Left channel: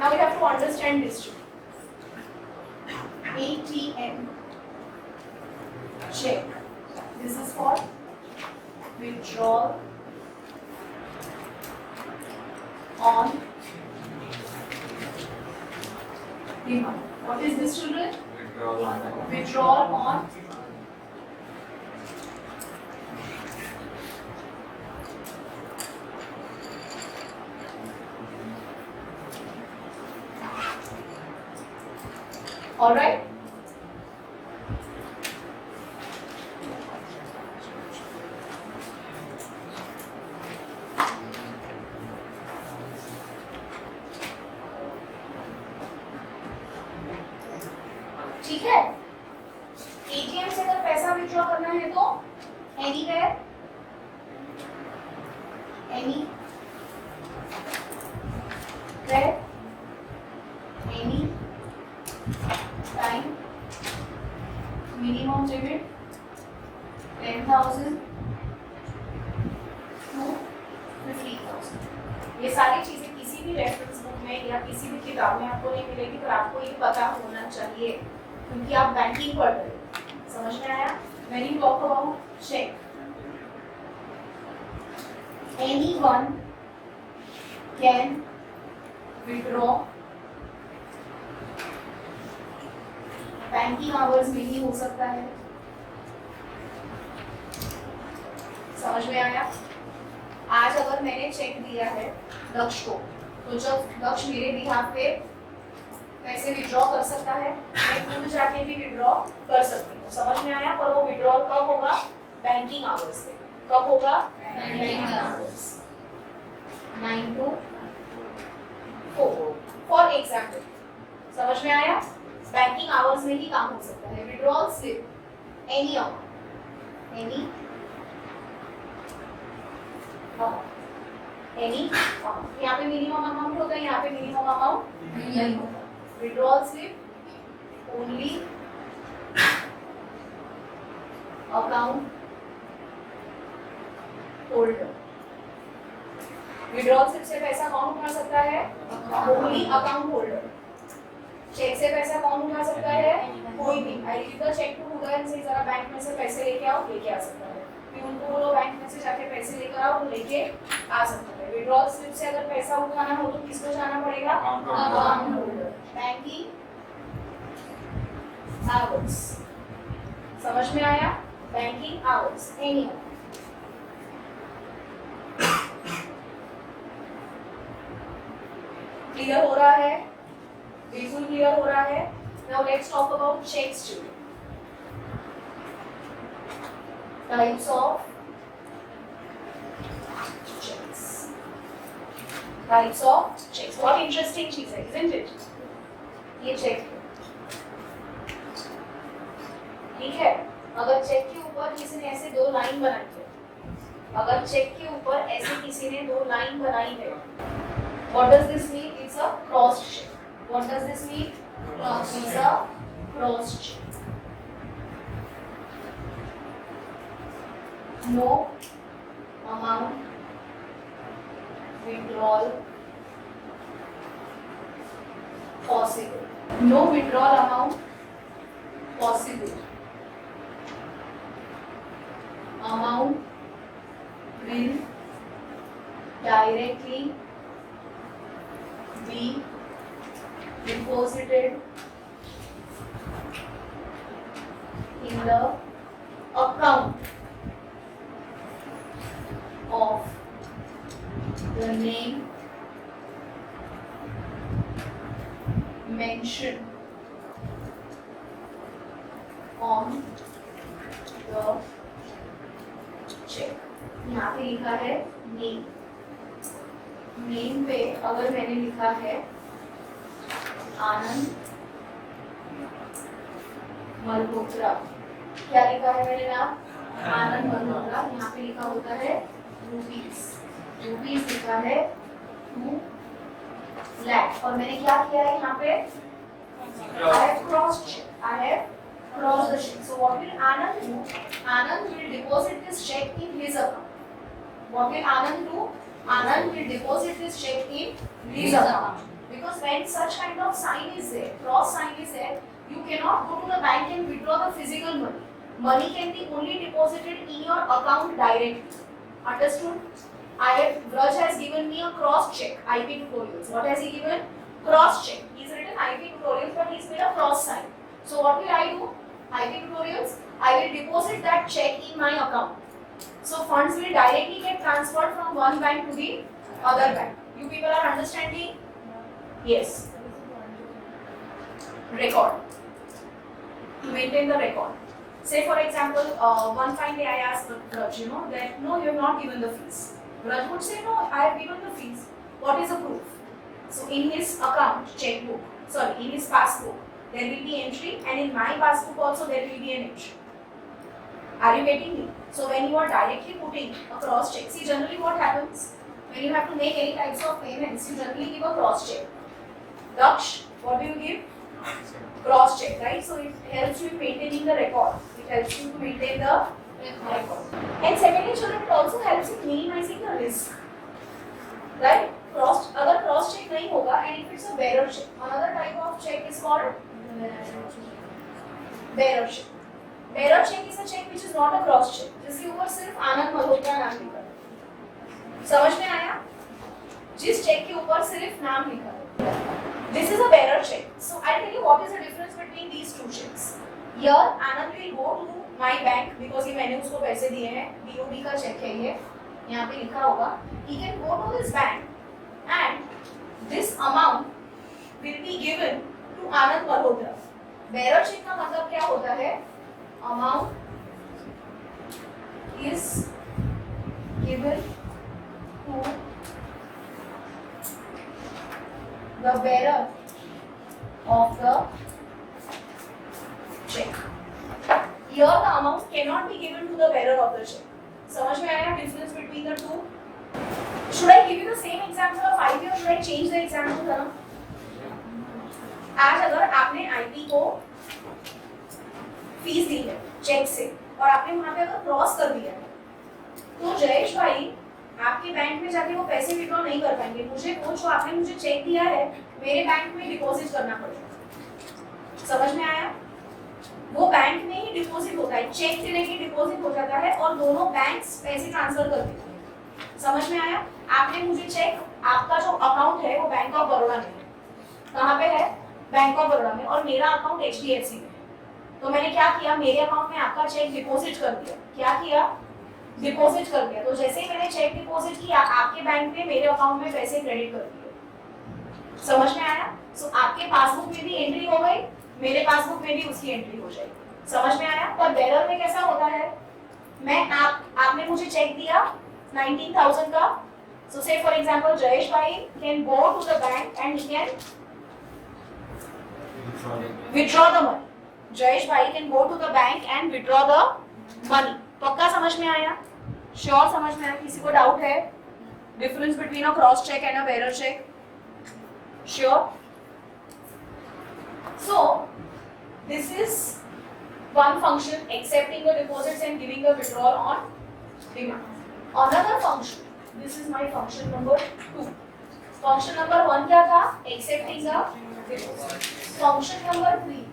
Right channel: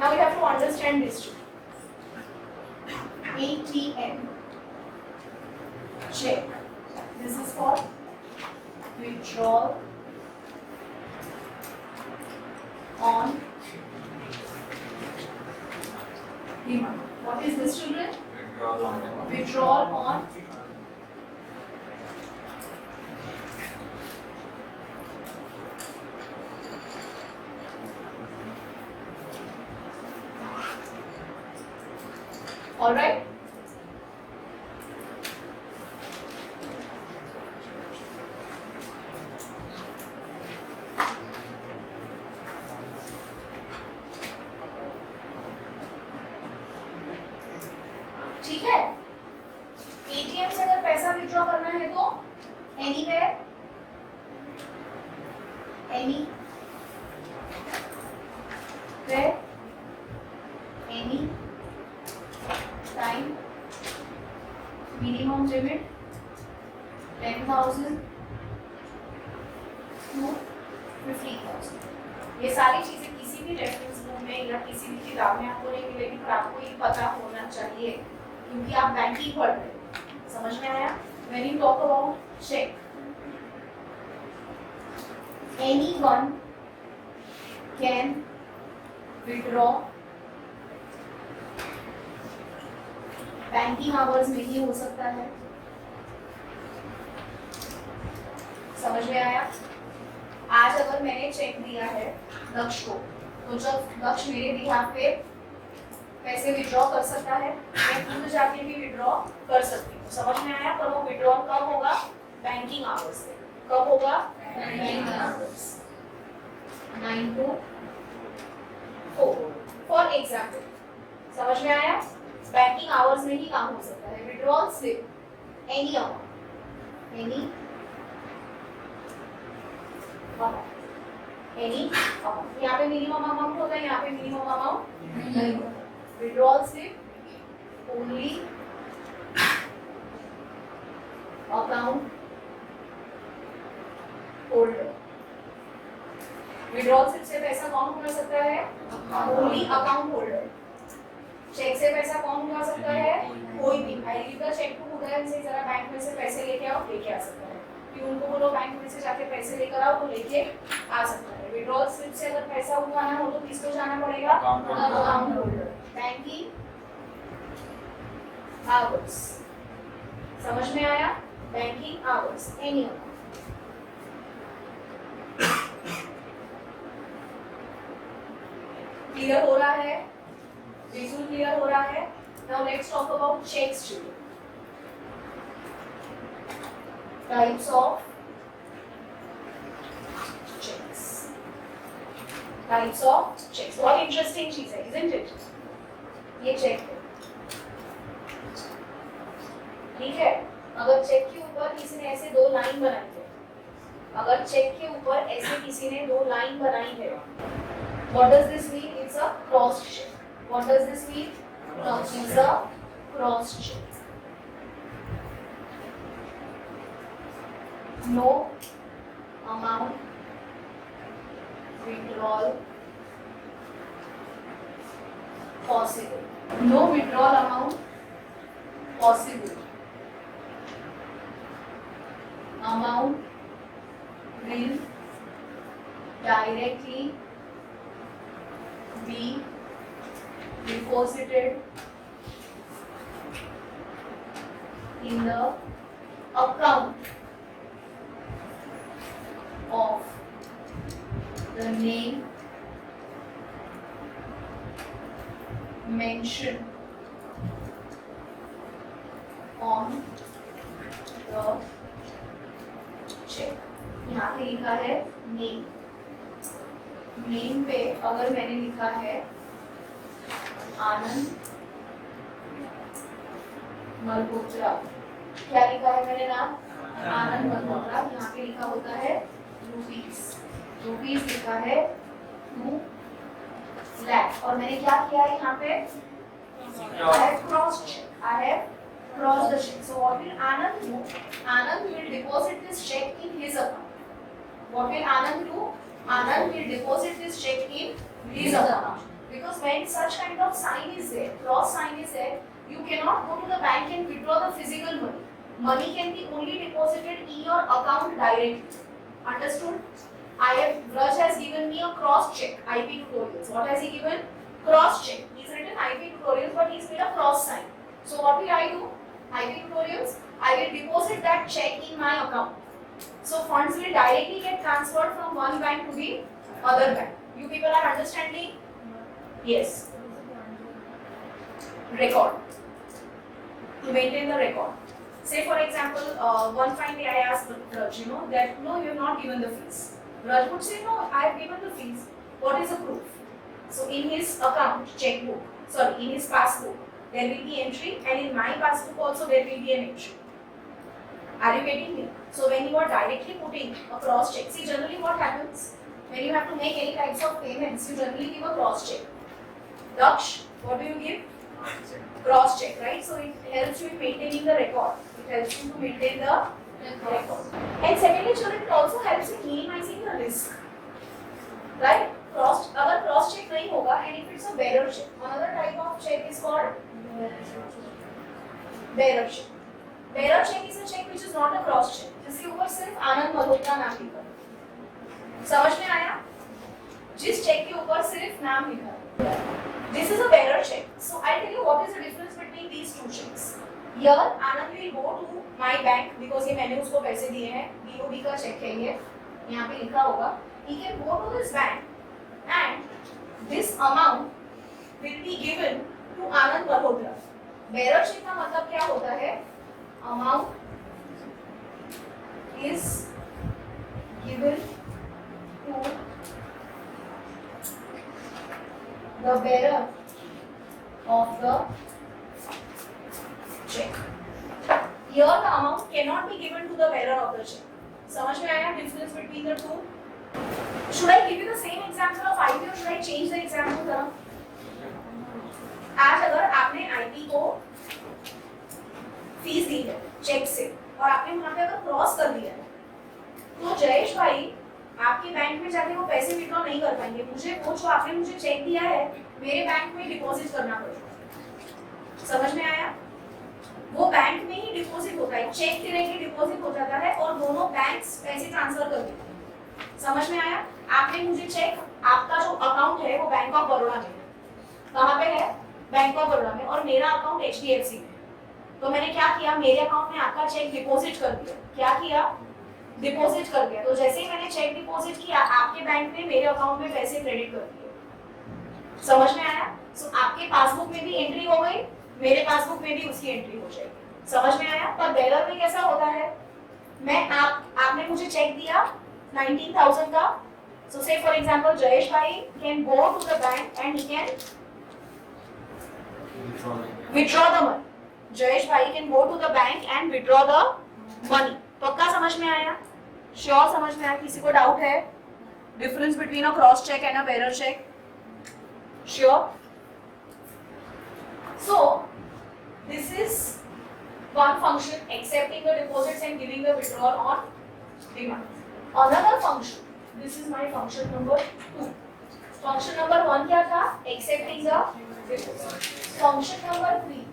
Now we have to understand this too. ATM check. This is called withdrawal on demand. What is this, children? Withdrawal on all right. ठीक है, ATM से अगर पैसा withdraw करना है तो anywhere, anywhere, any time, minimum limit 10,000 to 50,000। ये सारी चीजें किसी भी रेफरेंस बुक में या किसी भी किताब में आपको नहीं मिलेगी, पर आपको ये पता होना चाहिए क्योंकि आप बैंकिंग पढ़ रहे हो। समझ में आया? When you talk about check, anyone can withdraw banking hours में ही हो सकता है। समझ में आया? आज अगर मैंने चेक दिया है दक्ष को, तो जब दक्ष मेरे बिहाफ पे पैसे विड्रॉ कर सकता है, मैं खुद जाके भी विड्रॉ कर सकती हूँ। समझ में आया? पर वो विड्रॉल कब होगा? बैंकिंग आवर्स से। कब होगा? Banking hours 9 to 4 for example. समझ में आया? बैंकिंग आवर्स में ही काम हो सकता है। Withdrawal slip any amount, any amount. यहाँ पे मिनिमम अमाउंट होता है, यहाँ पे मिनिमम अमाउंट नहीं होता। Withdrawal slip only account holder. Withdrawal slip से पैसा कौन उठा सकता है? Only account holder. चेक से पैसा कौन उठा सकता है? कोई भी। I give the cheque to Udayan से, जरा बैंक में से पैसे लेके आओ, लेके आ सकता है। प्यून को बोलो बैंक में से जाके पैसे लेकर आओ, तो लेके आ सकता है। विड्रॉल स्लिप से अगर पैसा उठाना हो तो किसको जाना पड़ेगा? Account holder. Banking hours. समझ में आया? Banking hours any. क्लियर हो रहा है? बिल्कुल क्लियर हो रहा है। Now let's talk about cheques two. Types of cheques. Types of cheques बहुत इंटरेस्टिंग चीज है, isn't it? ये चेक ठीक है। अगर चेक के ऊपर किसी ने ऐसे दो लाइन बनाई है, अगर चेक के ऊपर ऐसे किसी ने दो लाइन बनाई है, what does this mean? It's a crossed check. What does this mean? It's a crossed check. No amount withdrawal possible. No withdrawal amount possible. Amount will directly be deposited in the account of the name mentioned on the check। यहाँ पे लिखा है name. Name पे अगर मैंने लिखा है आनंद मल्होत्रा, क्या लिखा है मैंने नाम? आनंद मल्होत्रा। यहाँ पे लिखा होता है रुपीस, रुपीस लिखा है 2 लाख। और मैंने क्या किया है यहाँ पे? I have crossed check. I have crossed the check. So what will Anand do? Anand will deposit this check in his account. What will Anand do? Anand will deposit this check in his account because when such kind of sign is there, cross sign is there, you cannot go to the bank and withdraw the physical money. Money can be only deposited in your account directly. Understood? Raj has given me a cross check, IP tutorials. What has he given? Cross check. He's written IP tutorials, but he's made a cross sign. So what will I do? IP tutorials, I will deposit that check in my account. So funds will directly get transferred from one bank to the other bank. You people are understanding? Yes. Record. To maintain the record. Say for example, one fine day I asked Raj, that no, you have not given the fees. Raj would say, no, I have given the fees. What is the proof? So in his account, checkbook, in his passbook, there will be entry, and in my passbook also there will be an entry. Are you getting me? So when you are directly putting a cross check, see generally what happens when you have to make any types of payments, you generally give a cross check. Daksh, what do you give? Cross check, right? So it helps you in maintaining the record. It helps you to maintain the record. And secondly, children, it also helps in minimizing the risk. Right? अगर cross check नहीं होगा, and if it's a bearer check, another type of check is called bearer check. Bearer check is a check which is not a cross check. जिसके ऊपर सिर्फ आनंद मल्होत्रा नाम लिखा है. समझ में आया? जिस चेक के ऊपर सिर्फ नाम लिखा है. This is a bearer check. So I'll tell you what is the difference between these two checks. Here Anand will go to my bank because ये मैंने उसको पैसे दिए हैं. DOB का चेक है ये. यहाँ पे लिखा होगा. He can go to his bank and this amount will be given to Anand Malhotra. Bearer check का मतलब क्या होता है? Amount is given to the bearer of the check. Here the amount cannot be given to the bearer of the check. समझ में आया difference between the two? Should I give you the same example of IP or should I change the example जरा? आज अगर आपने IP को fees दी है check से और आपने वहां पे अगर क्रॉस कर दिया है, तो जयेश भाई आपके बैंक में जाके वो पैसे विड्रॉ नहीं कर पाएंगे. मुझे वो जो आपने मुझे चेक दिया है मेरे बैंक में डिपॉजिट करना पड़ेगा. समझ में आया? वो बैंक में ही डिपॉजिट होता है, चेक डायरेक्टली डिपॉजिट हो जाता है और दोनों बैंक्स पैसे ट्रांसफर कर देते हैं. समझ में आया? आपने मुझे चेक, आपका जो अकाउंट है वो बैंक ऑफ बड़ौदा में है. कहाँ पे है? बैंक ऑफ बड़ौदा में. और मेरा अकाउंट HDFC में है. तो मैंने क्या किया, मेरे अकाउंट में आपका चेक डिपॉजिट कर दिया. क्या किया? डिपॉजिट कर दिया. तो जैसे ही मैंने चेक डिपॉजिट किया आपके बैंक में, मेरे अकाउंट में पैसे क्रेडिट कर दिए. समझ में आया? सो आपके पासबुक में भी एंट्री हो गई, मेरे पासबुक में भी उसकी एंट्री हो जाएगी. समझ में आया? पर बेरर में कैसा होता है, मैं आपने मुझे चेक दिया 19,000 का. सो से for example Jayesh bhai can go to the bank and he can withdraw the money. Jayesh bhai can go to the bank and withdraw the money. पक्का समझ में आया? श्योर समझ में आया? किसी को डाउट है? Difference between a cross cheque and a bearer cheque? Sure? So this is one function, accepting the deposits and giving the withdrawal on demand. Another function, this is my function number 2. Function number 1 क्या था? Accepting the deposits. Function number 3.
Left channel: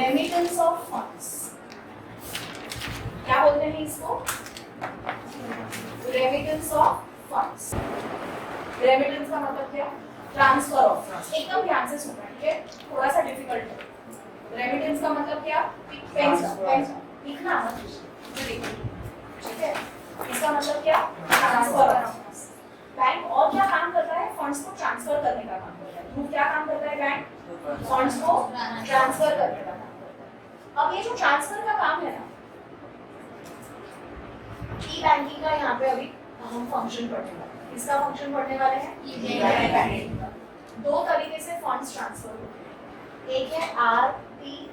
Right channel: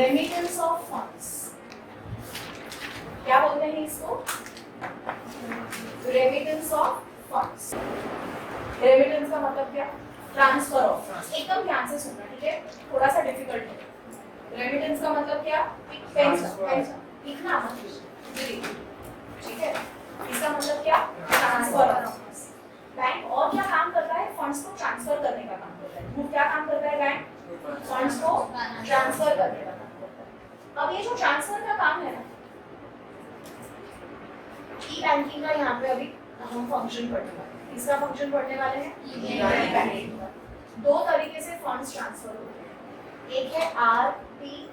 Remittance of funds. क्या बोलते हैं इसको? Remittance of funds. Remittance का मतलब क्या? Transfer of funds. एकदम ध्यान से सुनना, ठीक है? थोड़ा सा डिफिकल्ट है. रेमिटेंस का मतलब क्या? लिखना मत, ठीक है? इसका मतलब क्या? Transfer of funds. बैंक और क्या काम करता है? फंड्स को ट्रांसफर करने का काम करता है. क्या काम करता है बैंक? फंड्स को ट्रांसफर करने का काम करता है. अब ये जो ट्रांसफर का काम है ना, ई बैंकिंग का यहाँ पे अभी हम फंक्शन पढ़ने वाले हैं. इसका फंक्शन पढ़ने वाले हैं ई बैंकिंग का. 2 तरीके से फंड्स ट्रांसफर होते हैं. एक है RTGS,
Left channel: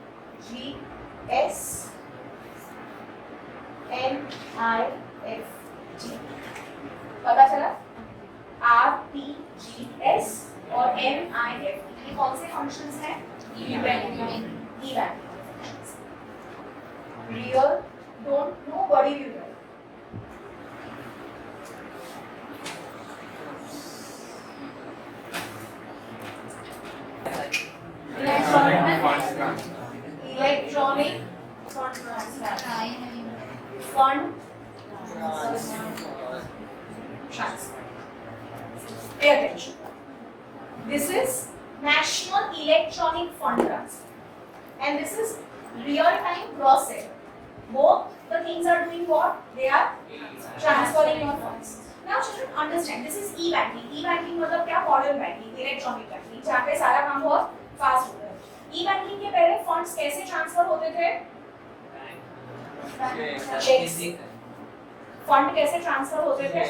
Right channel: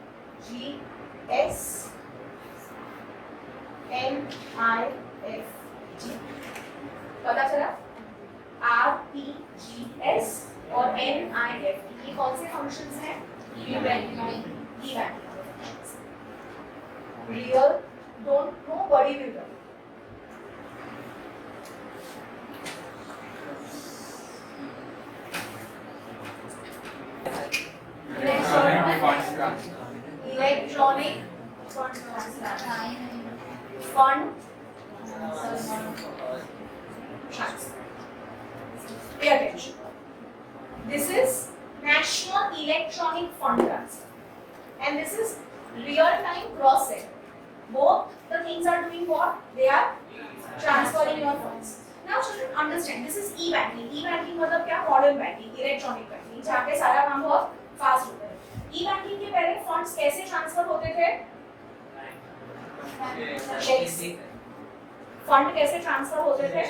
NIFT. पता चला? RTGS और NIFT ये कौन से फंक्शंस हैं? E banking. Real don't know, body will know. Electronic fund transfer. Pay attention. This is National Electronic Fund Transfer, and this is real-time gross settle. Both the things are doing what? They are transferring your funds. Now children understand, this is e-banking. E-banking मतलब क्या? Modern banking, electronic banking, जहाँ पे सारा काम बहुत fast होता है. E-banking के पहले funds कैसे transfer होते थे? चेक से. फंड कैसे ट्रांसफर होते थे?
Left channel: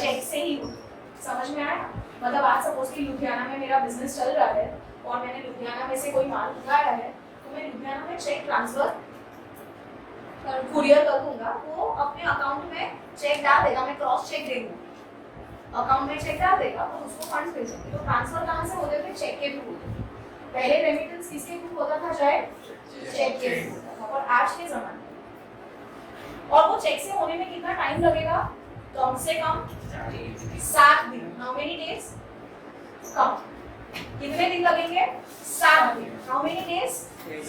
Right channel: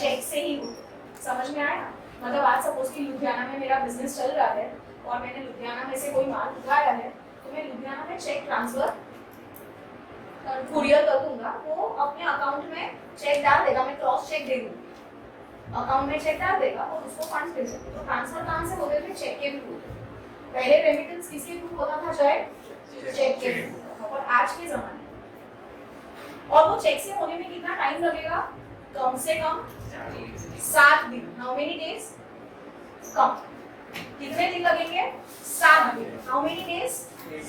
चेक से ही होते. समझ में आया? मतलब आज सपोज कि लुधियाना में मेरा बिजनेस चल रहा है और मैंने लुधियाना में से कोई माल उठाया है, तो मैं लुधियाना में चेक ट्रांसफर कुरियर कर दूंगा, वो अपने अकाउंट में चेक डाल देगा, मैं क्रॉस चेक दे दूंगा, अकाउंट में चेक डाल देगा और उसको फंड्स मिल जाएंगे. तो ट्रांसफर कहाँ से होते थे? चेक के थ्रू. पहले रेमिटेंस किसके थ्रू होता था? शायद चेक के थ्रू होता था. और आज के जमाने और वो चेक से होने में कितना टाइम लगेगा? कम से कम 7 दिन. How many days? कम. कितने दिन लगेंगे? 7 दिन. How many days?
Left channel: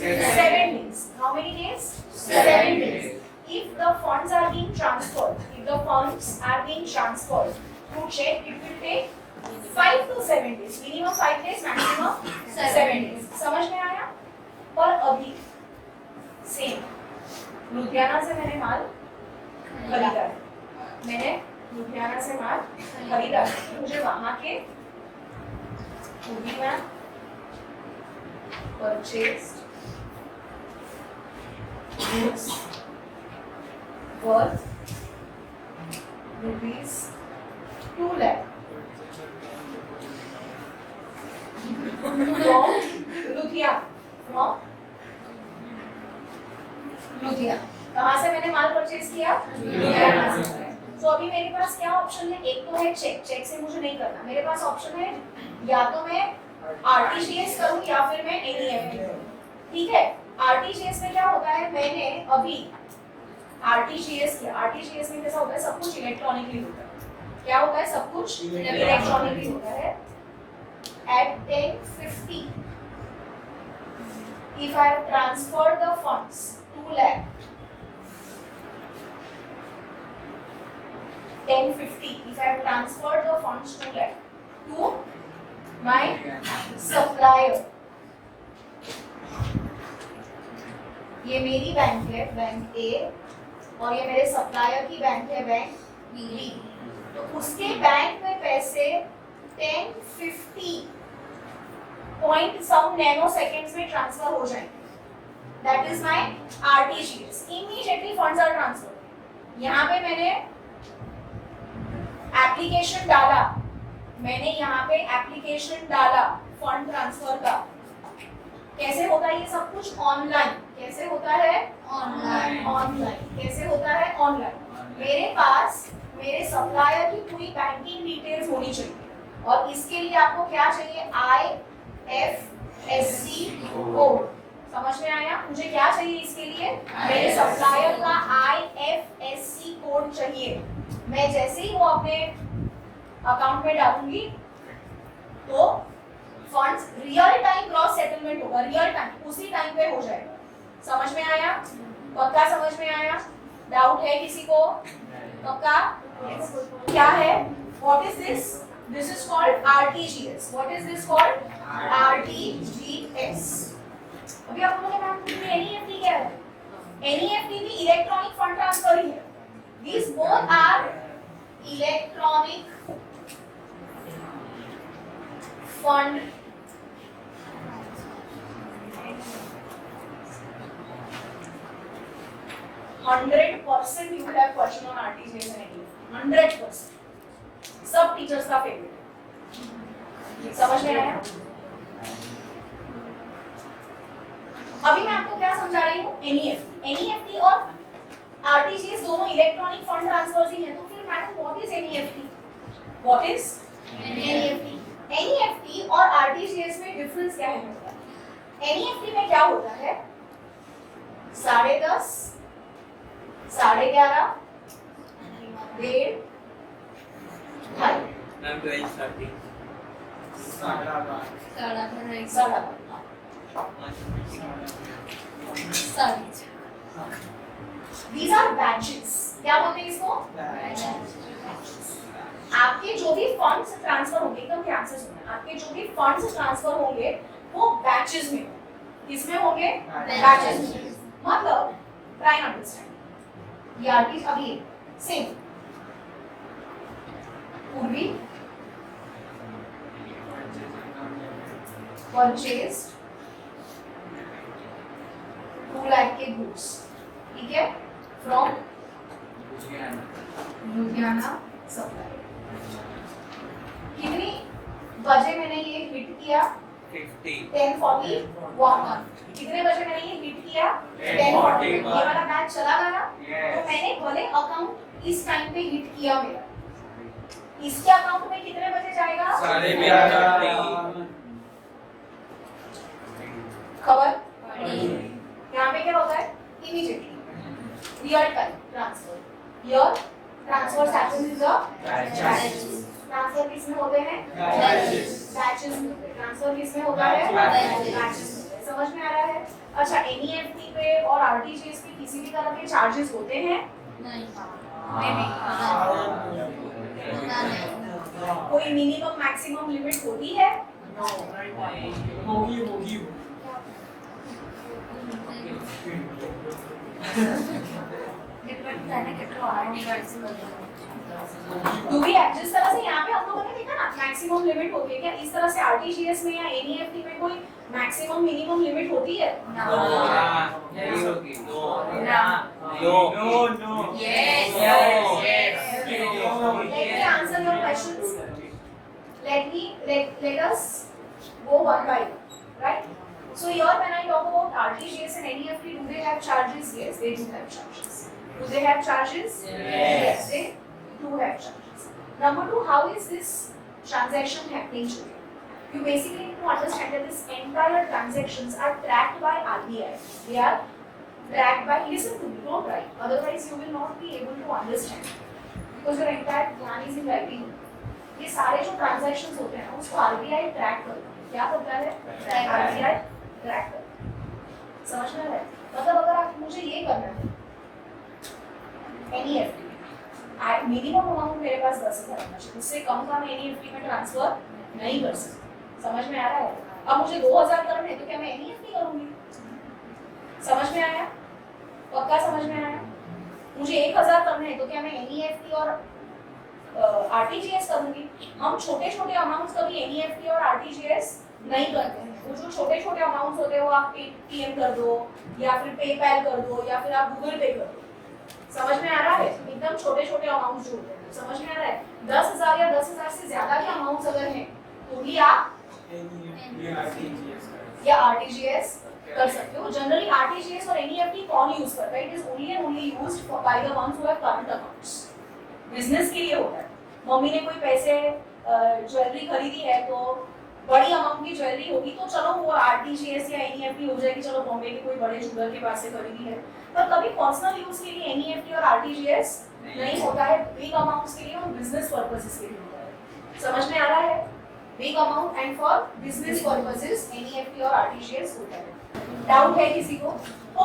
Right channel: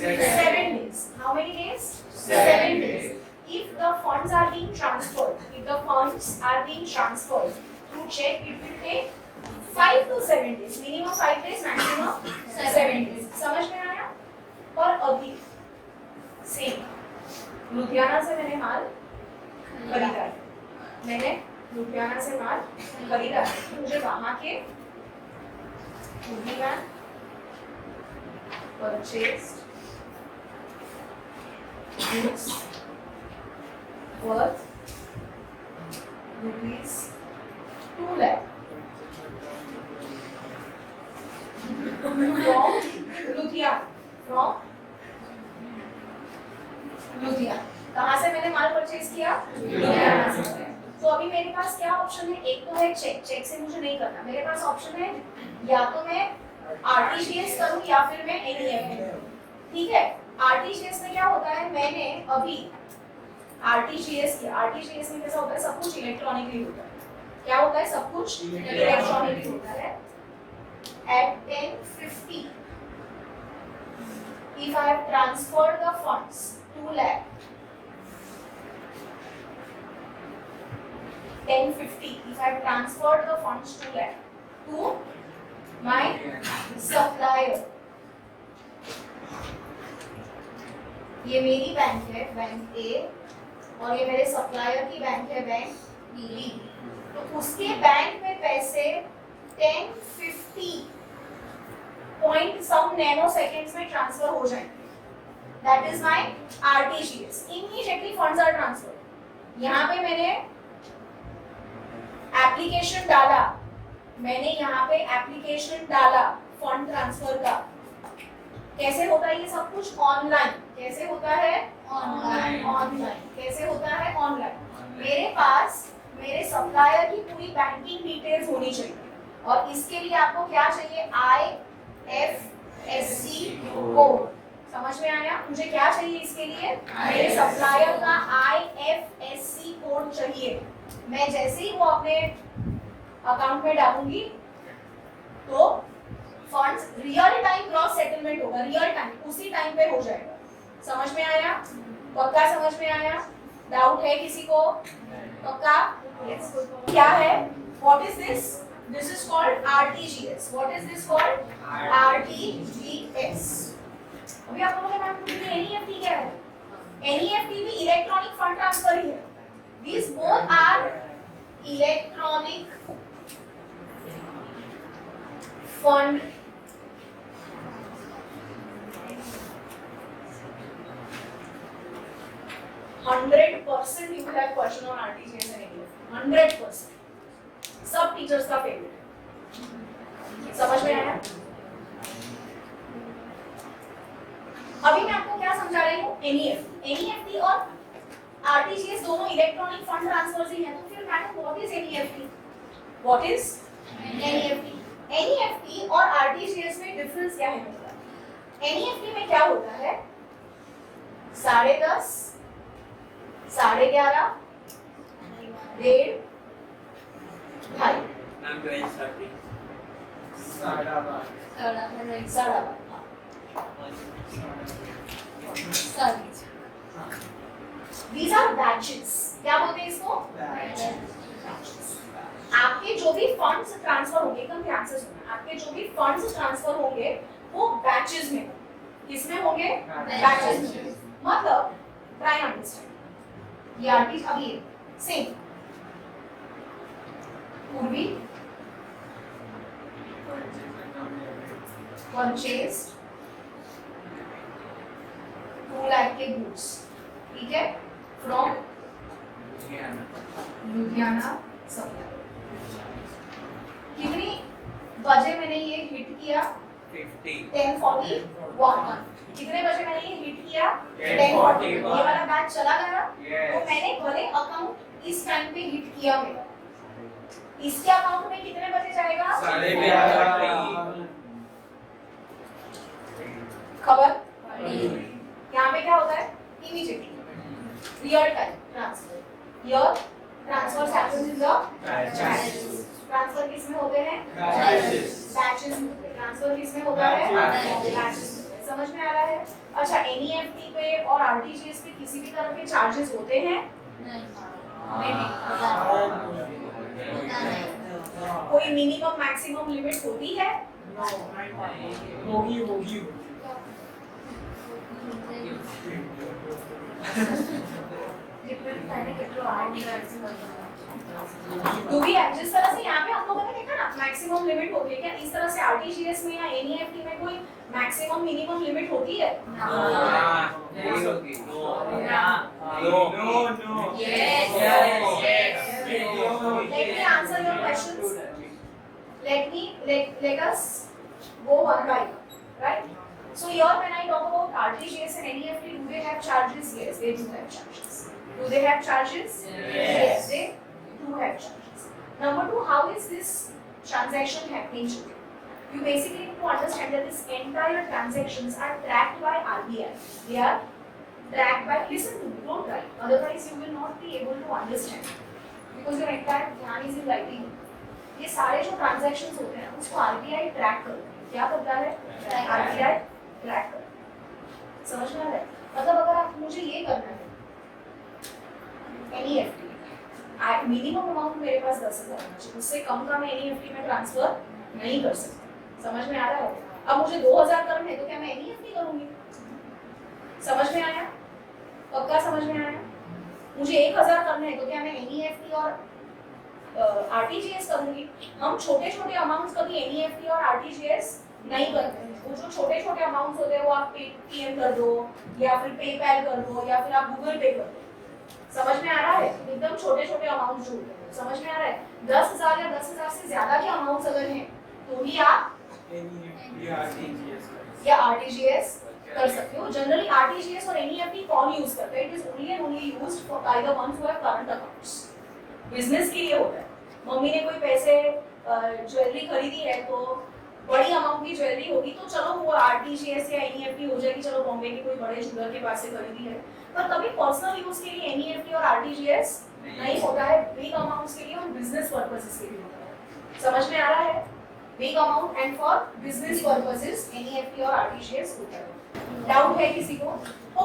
7 days. How many days? 7 days. If the funds are being transferred through check, it will take 5 to 7 days. Minimum 5 days, maximum 7 days. समझ में आया? पर अभी सेम लुधियाना से मैंने माल खरीदा है, मुझे वहां के purchase goods worth rupees 2 lakh from Ludhiana. कहाँ से मैंने माल परचेज किया? लुधियाना से. तो अभी मेरे पास क्या ऑप्शन है? एक तो है चेक. चेक से मुझे नहीं करना. मेरे पास ऑप्शन है या तो मैं आरटीजीएस करूं या फिर मैं एनईएफटी करूं. ठीक है. आरटीजीएस में क्या होता है? मैंने अभी आरटीजीएस किया. आरटीजीएस में कैसा होता है? सब कुछ इलेक्ट्रॉनिकली होता है. क्या होता है? सब कुछ इलेक्ट्रॉनिकली होता है. At 10:50 if I have transferred the funds 2 lakh 10:50 if I have transferred the funds 2 lakh to my supplier. ये मेरी बैंक है, बैंक ए, और ये मेरे सप्लायर की बैंक है, बैंक बी. तो उसके बैंक में पैसे 10:50 पॉइंट सम नैनो सेकेंड्स में ट्रांसफर हो जाएंगे. That is my RTGS. Immediately funds are transfer. यहाँ पे मैंने एप्लीकेशन डाला, फंड ट्रांसफर का. कैसे होता है ये सब कुछ? ऑनलाइन. कैसे होता है? ऑनलाइन. कैसे होता है? ऑनलाइन. मेरे पास मेरे सप्लायर की पूरी बैंकिंग डिटेल्स होनी चाहिए, और इसके लिए आपको क्या चाहिए? IFSC code. समझ में आया? मुझे क्या चाहिए इसके लिए? मेरे सप्लायर का IFSC कोड चाहिए. मैं जैसे ही वो अपने अकाउंट में डालूंगी तो funds real time cross settlement होगा. रियल टाइम, उसी टाइम पे हो जाएगा. समझ में आया? पक्का समझ में आया? डाउट है किसी को? पक्का? क्या है? What is this? This is called RTGS. What is this called? RTGS. अभी आप बोलोगे मैम NEFT क्या है? NEFT भी इलेक्ट्रॉनिक फंड ट्रांसफर ही है. These both are electronic fund %100% you will have question on RTGS and NEFT. 100%. सब teachers का favourite है. समझ में आया? अभी मैं आपको क्या समझा रही हूँ? एनईएफटी और आरटीजीएस दोनों इलेक्ट्रॉनिक फंड ट्रांसफर्स ही हैं. तो फिर madam what is NEFT? What is NEFT? NEFT और आरटीजीएस में डिफरेंस क्या है? एनईएफटी में क्या होता है? 10:30 11:30, 1:30, 2:30, मैम 12:30 These are batches. क्या बोलते हैं इसको? आपके जो भी फंड्स ट्रांसफर होंगे, एकदम ध्यान से सुनना, आपके जो भी फंड्स ट्रांसफर होंगे वो बैचेस में, किसमें होंगे? बैचेस में। मतलब ट्राई टू अंडरस्टैंड। ये आरटी अभी सेम पूर्वी परचेज 2 लाख के गुड्स, ठीक है, फ्रॉम लुधियाना सप्लाई। कितनी बजे मैंने ये हिट किया? 10:41। कितने बजे मैंने ये हिट किया? 10:41। ये वाला बैच चला गया, तो मैंने भले अकाउंट इस टाइम पे हिट किया मेरा, इसके अकाउंट में कितने बजे जाएगा? 11:30। खबर? यहाँ पे क्या होता है? Immediately, real time transfer. Here transfers happens in the batches. Transfer किसमें होते हैं? बैचेस में। ट्रांसफर किसमें होता है? बैचेस में। समझ में आ रहा है? अच्छा, एनईएफटी पे और आरटीजीएस पे किसी भी तरह के चार्जेस होते हैं? नहीं। कोई मिनिमम मैक्सिमम लिमिट होती है? होगी। जिस तरह से यहाँ पे हम लोगों ने देखा ना मैक्सिमम लिमिट होती है, क्या इस तरह से आरटीजीएस में या एनईएफटी में कोई मैक्सिमम मिनिमम लिमिट होती है? नहीं होगी। No. Let me answer your questions. Let us go one by one, right? So here when I talk about RTGS and NEFT, do they have charges? Yes, they do have charges. Do they have charges? Yes, they do have charges. Number 2, how is this transaction happening today? You basically need to understand that this entire transactions are tracked by RBI. They are tracked by, listen to me, don't write, otherwise you will not be able to understand. Because your entire plan is in writing. ये सारे जो transactions होते हैं उसको RBI track करता है। क्या करता है? आरबीआई ट्रैक करता है। समझ में आ रहा है? मतलब अगर आप मुझे ये करना है एनईएफटी, मिनिमम अमाउंट मेरे पास 10,000 होना चाहिए, उससे कम का मैं एनईएफटी में ट्रांसफर नहीं कर सकती। समझ में आ रहा है? अब मुझे 2,000 करने तो क्या मैं एनईएफटी करूंगी? समझ में आया? पक्का समझ में आया? मुझे 1,000 करने हैं तो क्या मैं एनईएफटी और आरटीजीएस करूंगी? हम छोटे छोटे अमाउंट्स कभी एनईएफटी और आरटीजीएस नहीं करते हैं। वो जो छोटे छोटे अमाउंट्स होते हैं वो आप पेटीएम कर दो या फिर पेपैल कर दो या फिर आप गूगल पे कर दो। समझ में आ रहा है? एकदम छोटे छोटे अमाउंट्स जो होते हैं, समझ में आ रहा है? 10,000 या 10,000 से ज्यादा के अमाउंट्स अगर हैं तो ही आप या आरटीजीएस कर सकते हो। जनरली आरटीजीएस और एनईएफटी कौन यूज करता है? It is only and only used by the ones who have current accounts. Business के लिए होता है। मम्मी ने कोई पैसे ज्वेलरी खरीदी है तो बड़ी अमाउंट की ज्वेलरी होगी तो चलो वो आरटीजीएस या एनईएफटी हो जाएगी, चलो बॉम्बे के कोई बड़े ज्वेलर के पास से खरीदी है। पर कभी पर्सनल यूज के लिए एनईएफटी और आरटीजीएस नहीं होता है। बिग अमाउंट्स के लिए और बिजनेस पर्पसेस के लिए होता है। समझ में आ रहा है? Big amount and for business purposes NEFT और आरटीजीएस होता है। डाउट है किसी को?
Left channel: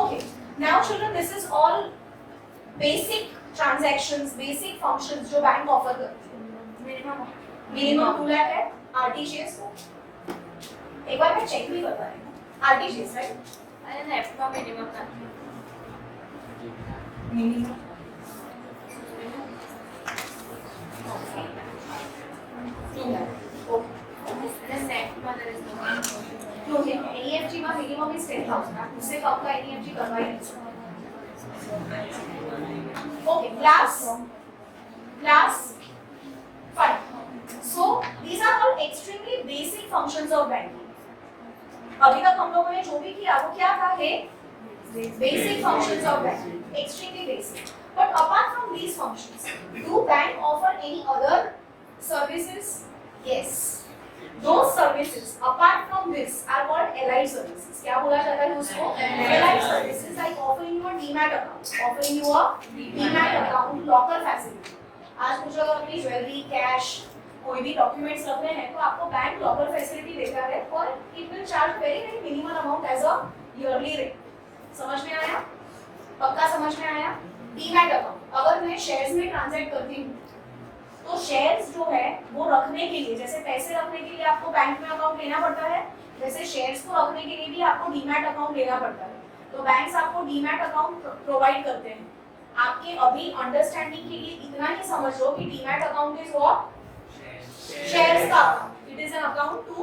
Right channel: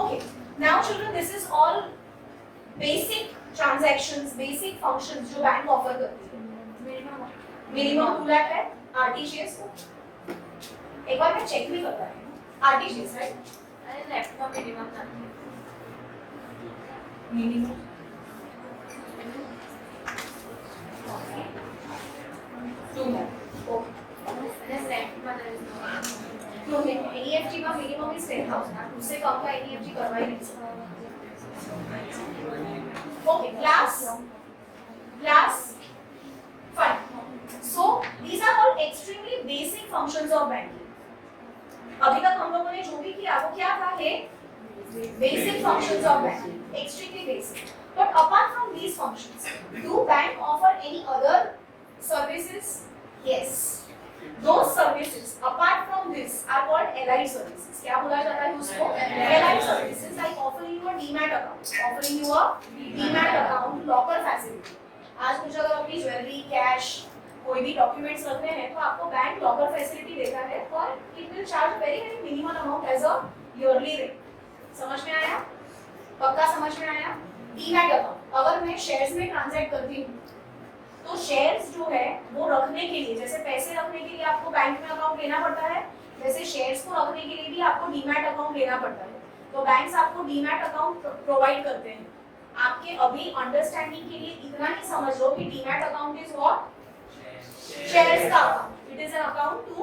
Okay, now children, this is all basic transactions, basic functions जो बैंक ऑफर करती है। मिनिमम 2 लाख है आरटीजीएस का। एक बार मैं चेक भी करवा रही हूँ। RTGS right? अरे नेफ्ट का मिनिमम था। मिनिमम एनईएफटी का मिनिमम इज 10,000, उससे कम का एनईएफटी करवा ही नहीं सकते। Okay, class 5. So these are all extremely basic functions of banking. अभी तक हम लोगों ने जो भी किया वो क्या था? Basic functions of banking, extremely basic. But apart from these functions, do bank offer any other services? Yes. Those services apart from this are called allied services. क्या बोला जाता है उसको? Allied services like offering you a demat account, offering you a demat account, locker facility. आज मुझे अगर अपनी jewellery, cash, कोई भी डॉक्यूमेंट्स रखने हैं तो आपको बैंक लॉकर फैसिलिटी देता है और it will charge very very minimum amount as a yearly rate. समझ में आया? पक्का समझ में आया? डीमैट अकाउंट अगर मैं शेयर्स में ट्रांजैक्ट करती हूँ तो शेयर्स जो है वो रखने के लिए, जैसे पैसे रखने के लिए आपको बैंक में अकाउंट लेना पड़ता है, वैसे शेयर्स को रखने के लिए भी आपको डीमैट अकाउंट लेना पड़ता है. तो बैंक्स आपको डीमैट अकाउंट प्रोवाइड करते हैं. आपके अभी अंडरस्टैंडिंग के लिए इतना ही समझ लो कि demat account is what? Shares का account. It is an account to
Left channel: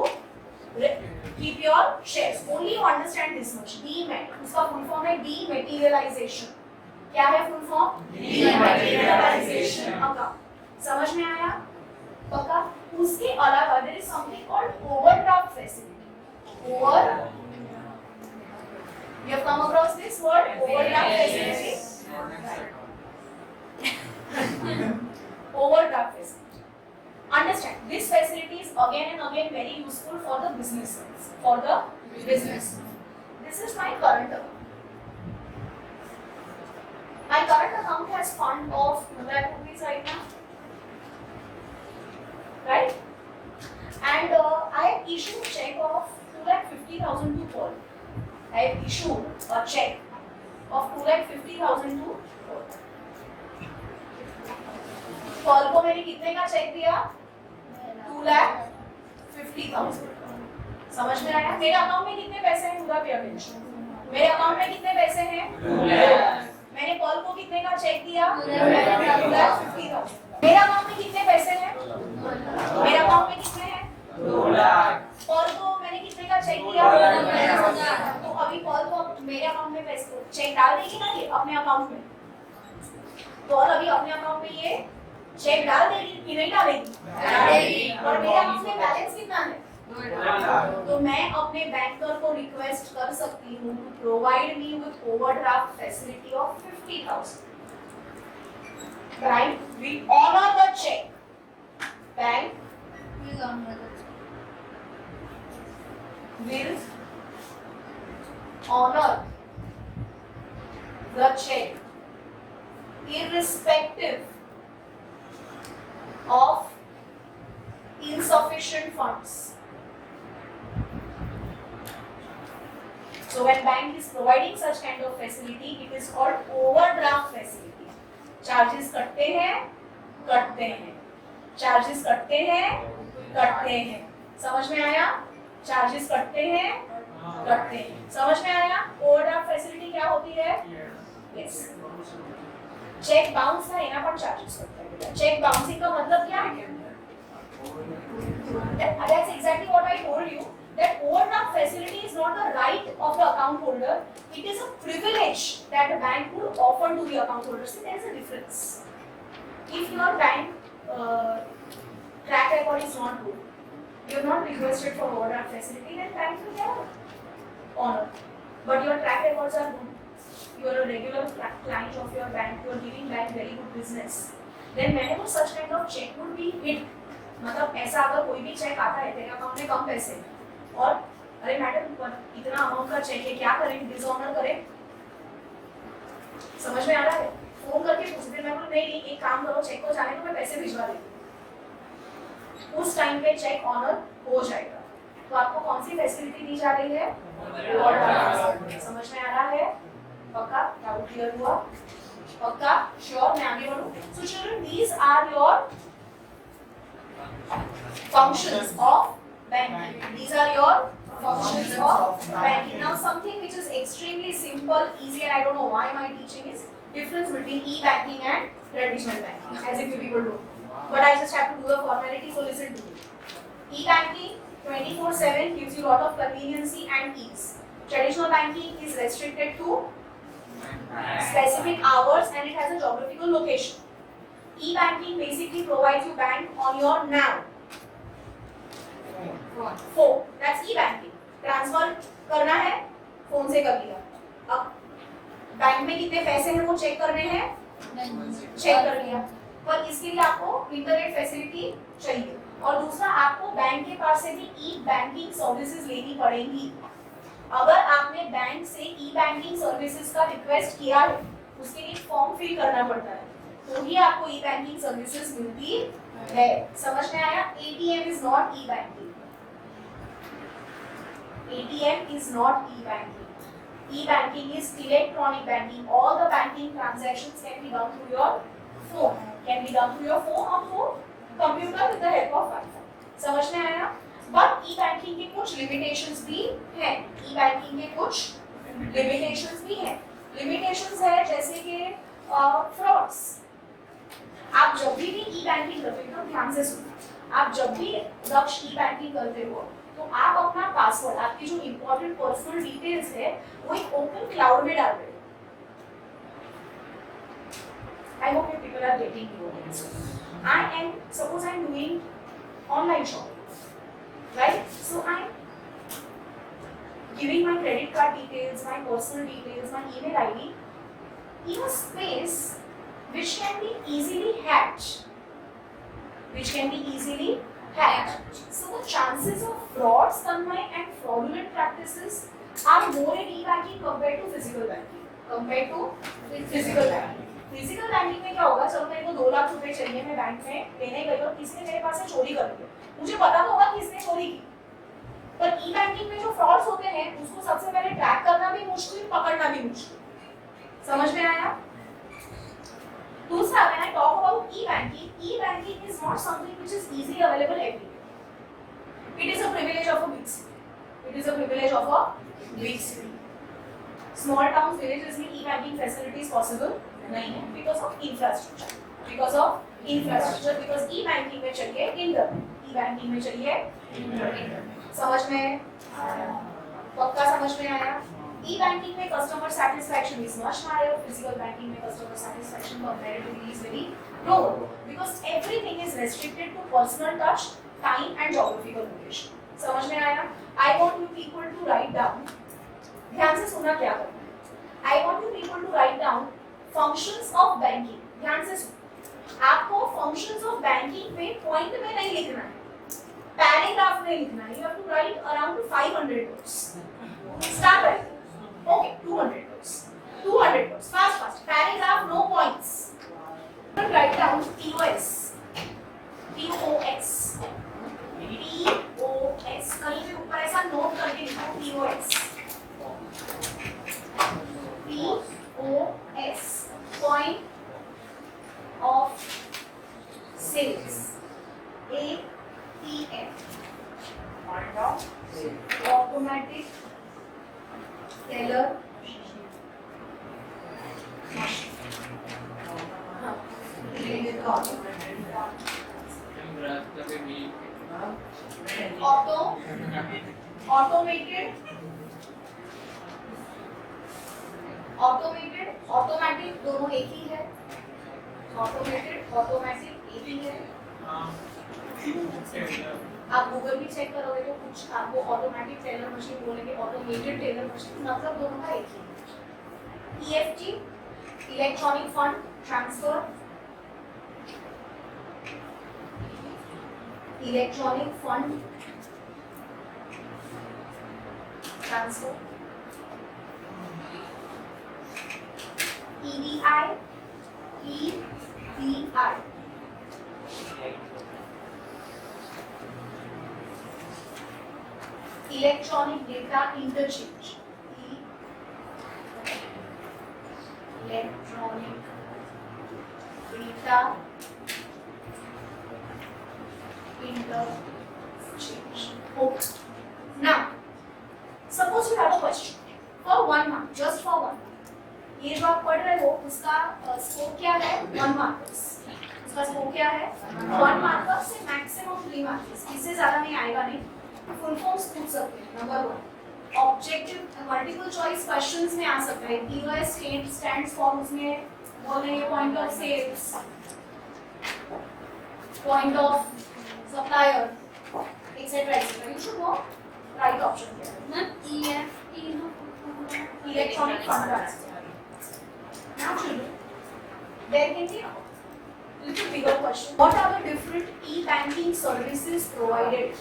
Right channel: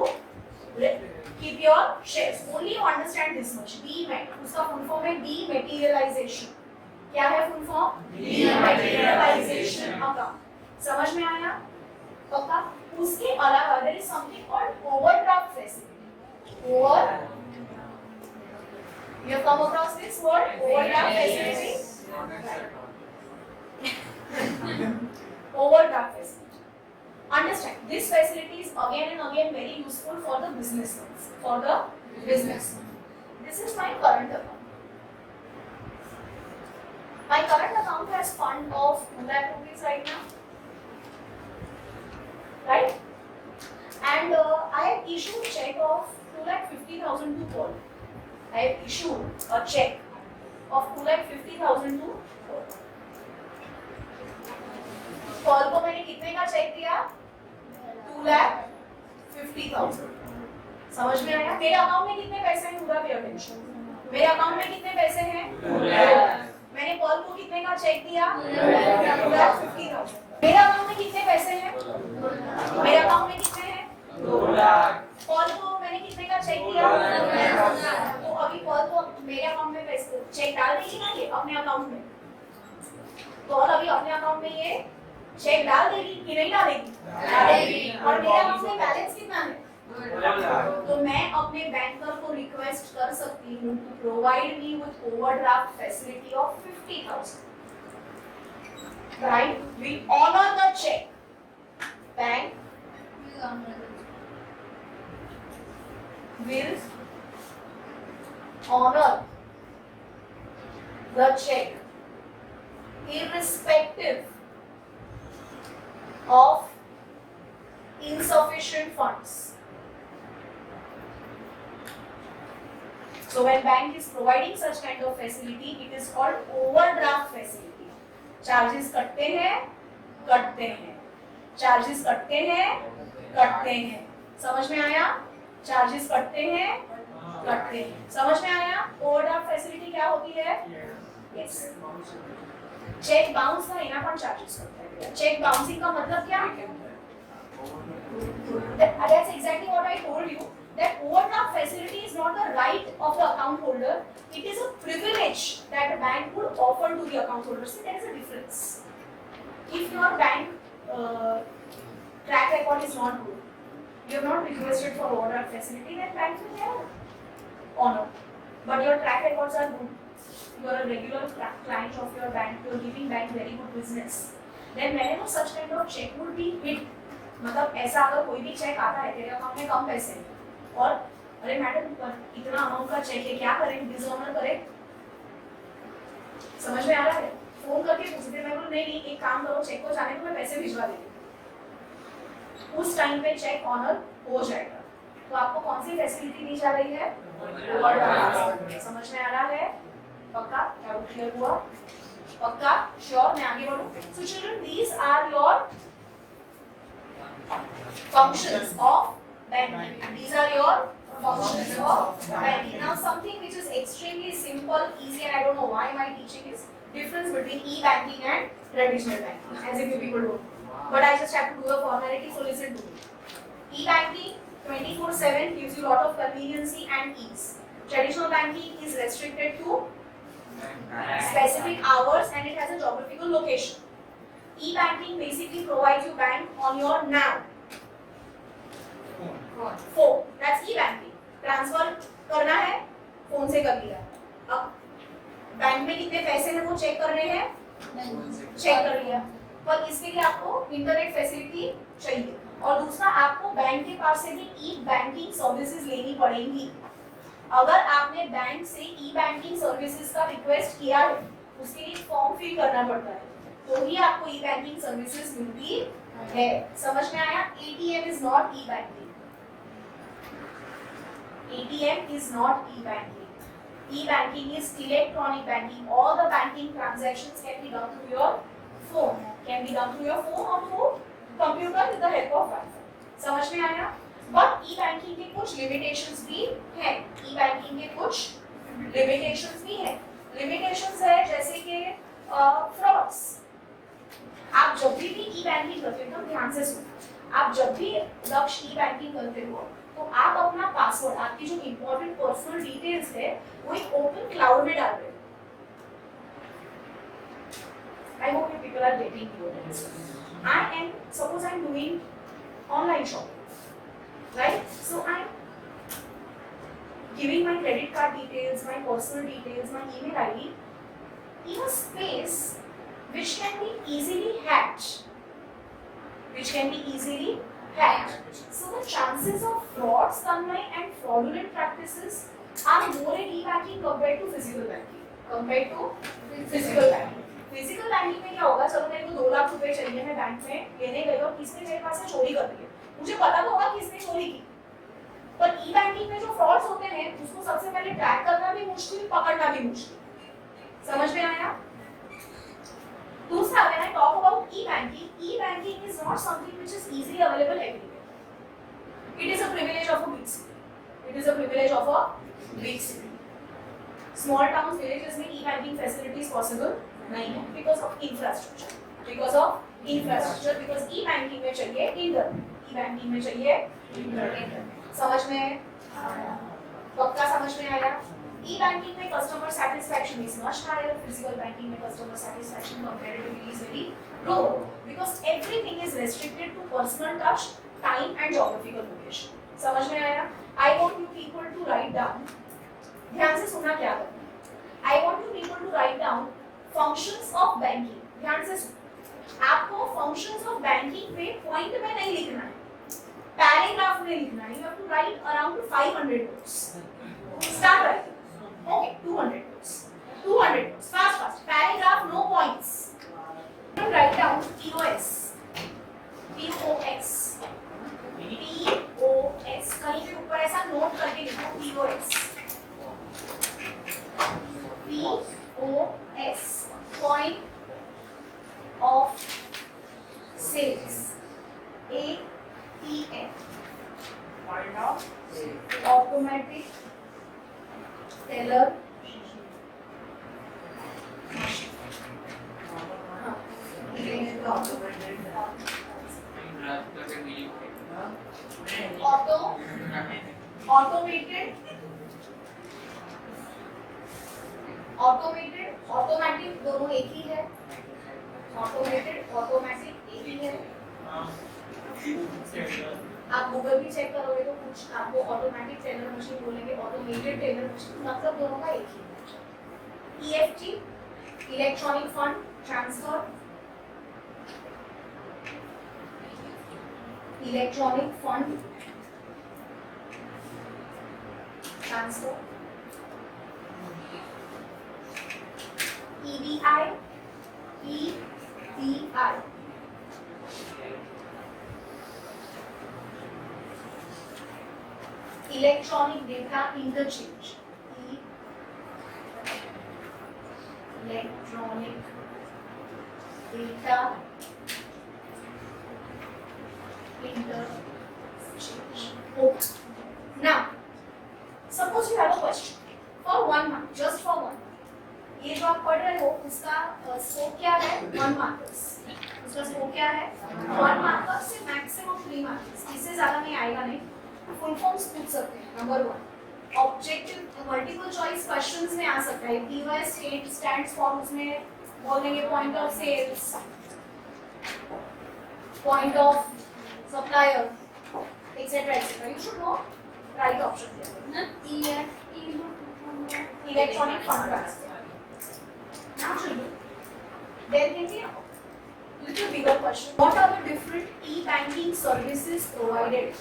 keep your shares. Only you understand this much. Demat उसका फुल फॉर्म है डीमैटेरियलाइजेशन. क्या है फुल फॉर्म? डीमैटेरियलाइजेशन अकाउंट. समझ में आया? पक्का? उसके अलावा there is something called overdraft facility. Over you have come across this word overdraft facility. Overdraft facility. Understand, this facility is again and again very useful for the business. For the business. This is my current account. My current account has fund of 2 lakh rupees right now. Right? And I have issued check of 2,50,000 to Paul. I have issued a check of 2,50,000 to Paul. Paul को मैंने कितने का check दिया? 2,50,000. समझ में आया? मेरे account में कितने पैसे हैं? पूरा पे अटेंशन. मेरे अकाउंट में कितने पैसे हैं? 2 लाख. मैंने पॉल को कितने का चेक दिया? 2,50,000. मेरे अकाउंट में कितने पैसे हैं? मेरे अकाउंट में कितने हैं? 2 लाख. पॉल को मैंने कितने का चेक दिया? 2 लाख. तो अभी पॉल को मेरे अकाउंट में पैसे चेक डाल देगी ना ये अपने अकाउंट में. पॉल अभी अपने अकाउंट में ये चेक डाल देगी कि नहीं डालेगी? डालेगी. और मेरे अकाउंट में बैलेंस कितना है? 2 लाख. तो मैं अपने बैंकर को रिक्वेस्ट कर सकती हूँ to provide me with overdraft facility of 50,000. Right? We honor the check. Bank will honor the check irrespective of insufficient funds. So when bank is providing such kind of facility, it is called overdraft facility. Charges कटते हैं, कटते हैं. Charges कटते हैं, कटते हैं. समझ में आया? चार्जेस कटते हैं, कटते हैं. समझ में आया? ओवरड्राफ्ट फैसिलिटी क्या होती है? यस. चेक बाउंस है ना, पर चार्जेस कटते हैं. चेक बाउंसिंग का मतलब क्या है? That's exactly what I told you. That overdraft facility is not the right of the account holder. It is a privilege that the bank would offer to the account holder. See, there is a difference. If your bank track record is not good, you have not requested for overdraft facility, then bank will never honor. But your track records are good. You are a regular client of your bank. You are giving bank very good business. Then whenever such kind of check would be hit, मतलब ऐसा अगर कोई भी check आता है तेरे account में कम पैसे और अरे मैडम इतना अमाउंट का चेक है, क्या करें? डिसऑनर करें? समझ में आ रहा है? फोन करके पूछते, मैं बोलूं नहीं एक काम करो, चेक को जाने को मैं पैसे भिजवा देती हूँ. उस टाइम पे चेक ऑनर हो जाएगा. तो आपको कौन सी फैसिलिटी दी जा रही है? समझ में आ रहा है? पक्का? डाउट क्लियर हुआ? पक्का? श्योर? मैं आगे बढ़ूं? So children, these are your functions of banking. These are your functions of banking. Now something which is extremely simple, easy, and I don't know why my teaching is difference between e-banking and traditional banking, as if you people do. But I just have to do the formality, so listen to me. E-banking 24/7 gives you a lot of conveniency and ease. Traditional banking is restricted to specific hours and it has a geographical location. E-banking basically provides you bank on your NAV. phone. That's e-banking. Transfer करना है, phone से कर लिया. अब bank में कितने पैसे हैं वो चेक करने हैं, चेक कर लिया. पर इसके लिए आपको इंटरनेट फैसिलिटी चाहिए. और दूसरा आपको बैंक के पास से भी ई बैंकिंग सर्विसेज लेनी पड़ेंगी। अगर आपने बैंक से ई बैंकिंग सर्विसेज का रिक्वेस्ट किया है, उसके लिए फॉर्म फिल करना पड़ता है, तो ही आपको ई बैंकिंग सर्विसेज मिलती है। समझ में आया? ATM is not E banking. ATM is not E banking. E-banking is electronic banking. All the banking transactions can be done through your phone. Can be done through your phone or through computer with the help of Wi-Fi. समझ में आया? But E-banking के कुछ limitations भी हैं. E-banking के कुछ limitations भी हैं. Limitations है जैसे कि frauds. आप जब भी E-banking करते हो, ध्यान से सुनो. आप जब भी दक्ष E-banking करते हो, तो आप अपना पासवर्ड, आपकी जो इंपॉर्टेंट पर्सनल डिटेल्स है, वो एक ओपन क्लाउड में डाल रहे हो। I hope you people are getting it. I am suppose I am doing online shopping, right? So I am giving my credit card details, my personal details, my email ID in a space which can be easily hacked. So the chances of frauds, Tanmay, and fraudulent practices are more in e-banking compared to physical banking. Physical banking में क्या होगा? चलो मेरे को 2 लाख रुपए चाहिए, मैं bank में लेने गई और किसने मेरे पास से चोरी कर ली, मुझे पता तो होगा किसने चोरी की। पर ई-बैंकिंग में जो फ्रॉड्स होते हैं, उसको सबसे पहले ट्रैक करना भी मुश्किल, पकड़ना भी मुश्किल। समझ में आया? दूसरा, when I talk about e-banking is not something which is easily available everywhere. It is a privilege of a big city. Small towns, villages में e-banking facilities possible नहीं है because of infrastructure. Because e-banking में चाहिए internet. समझ में? पक्का समझ में आया? E-banking में customer satisfaction is much higher. Physical banking में customer satisfaction comparatively is very lower because everything is restricted to personal touch, time and geographical location. समझ में आया? I want you people to write down. ध्यान से सुना क्या करना है? I want you people to write down functions of banking. ध्यान से सुनो। आपको functions of banking पे point में नहीं लिखना है, paragraph में लिखना है. You have to write around 500 words. Start writing. Okay, 200 words. Fast. Paragraph, no points. Write down POS. कहीं पे ऊपर ऐसा नोट करके लिखो POS. Point of sales. ATM. Automatic teller automatic दोनों एक ही है। ऑटोमेटिक एक ही है। आप गूगल भी चेक करोगे तो कुछ आपको ऑटोमेटिक टेलर मशीन बोलेंगे, ऑटोमेटेड टेलर मशीन, मतलब दोनों का एक ही है। EFT, electronic fund transfer, electronic fund transfer, EDI, electronic data interchange, electronic data interchange. Okay. Now, suppose you have a question for 1 mark, just for 1 mark. ये जो आप पढ़ रहे हो उसका स्कोप क्या है? 1 मार्कर्स। उसका स्कोप क्या है? 1 मार्कर्स से मैक्सिमम 3 मार्कर्स, इससे ज्यादा नहीं आएगा। नहीं तो फुल फॉर्म्स पूछ सकते हैं। Number 1 objective multiple choice questions में आ सकता है। POS स्टैंड्स फॉर, उसमें बोलेंगे point of sales, point of supplier, etc. You should know right option here. Electronic fund transfer. Now children, there can be little bigger question. What are the different e-banking services provided?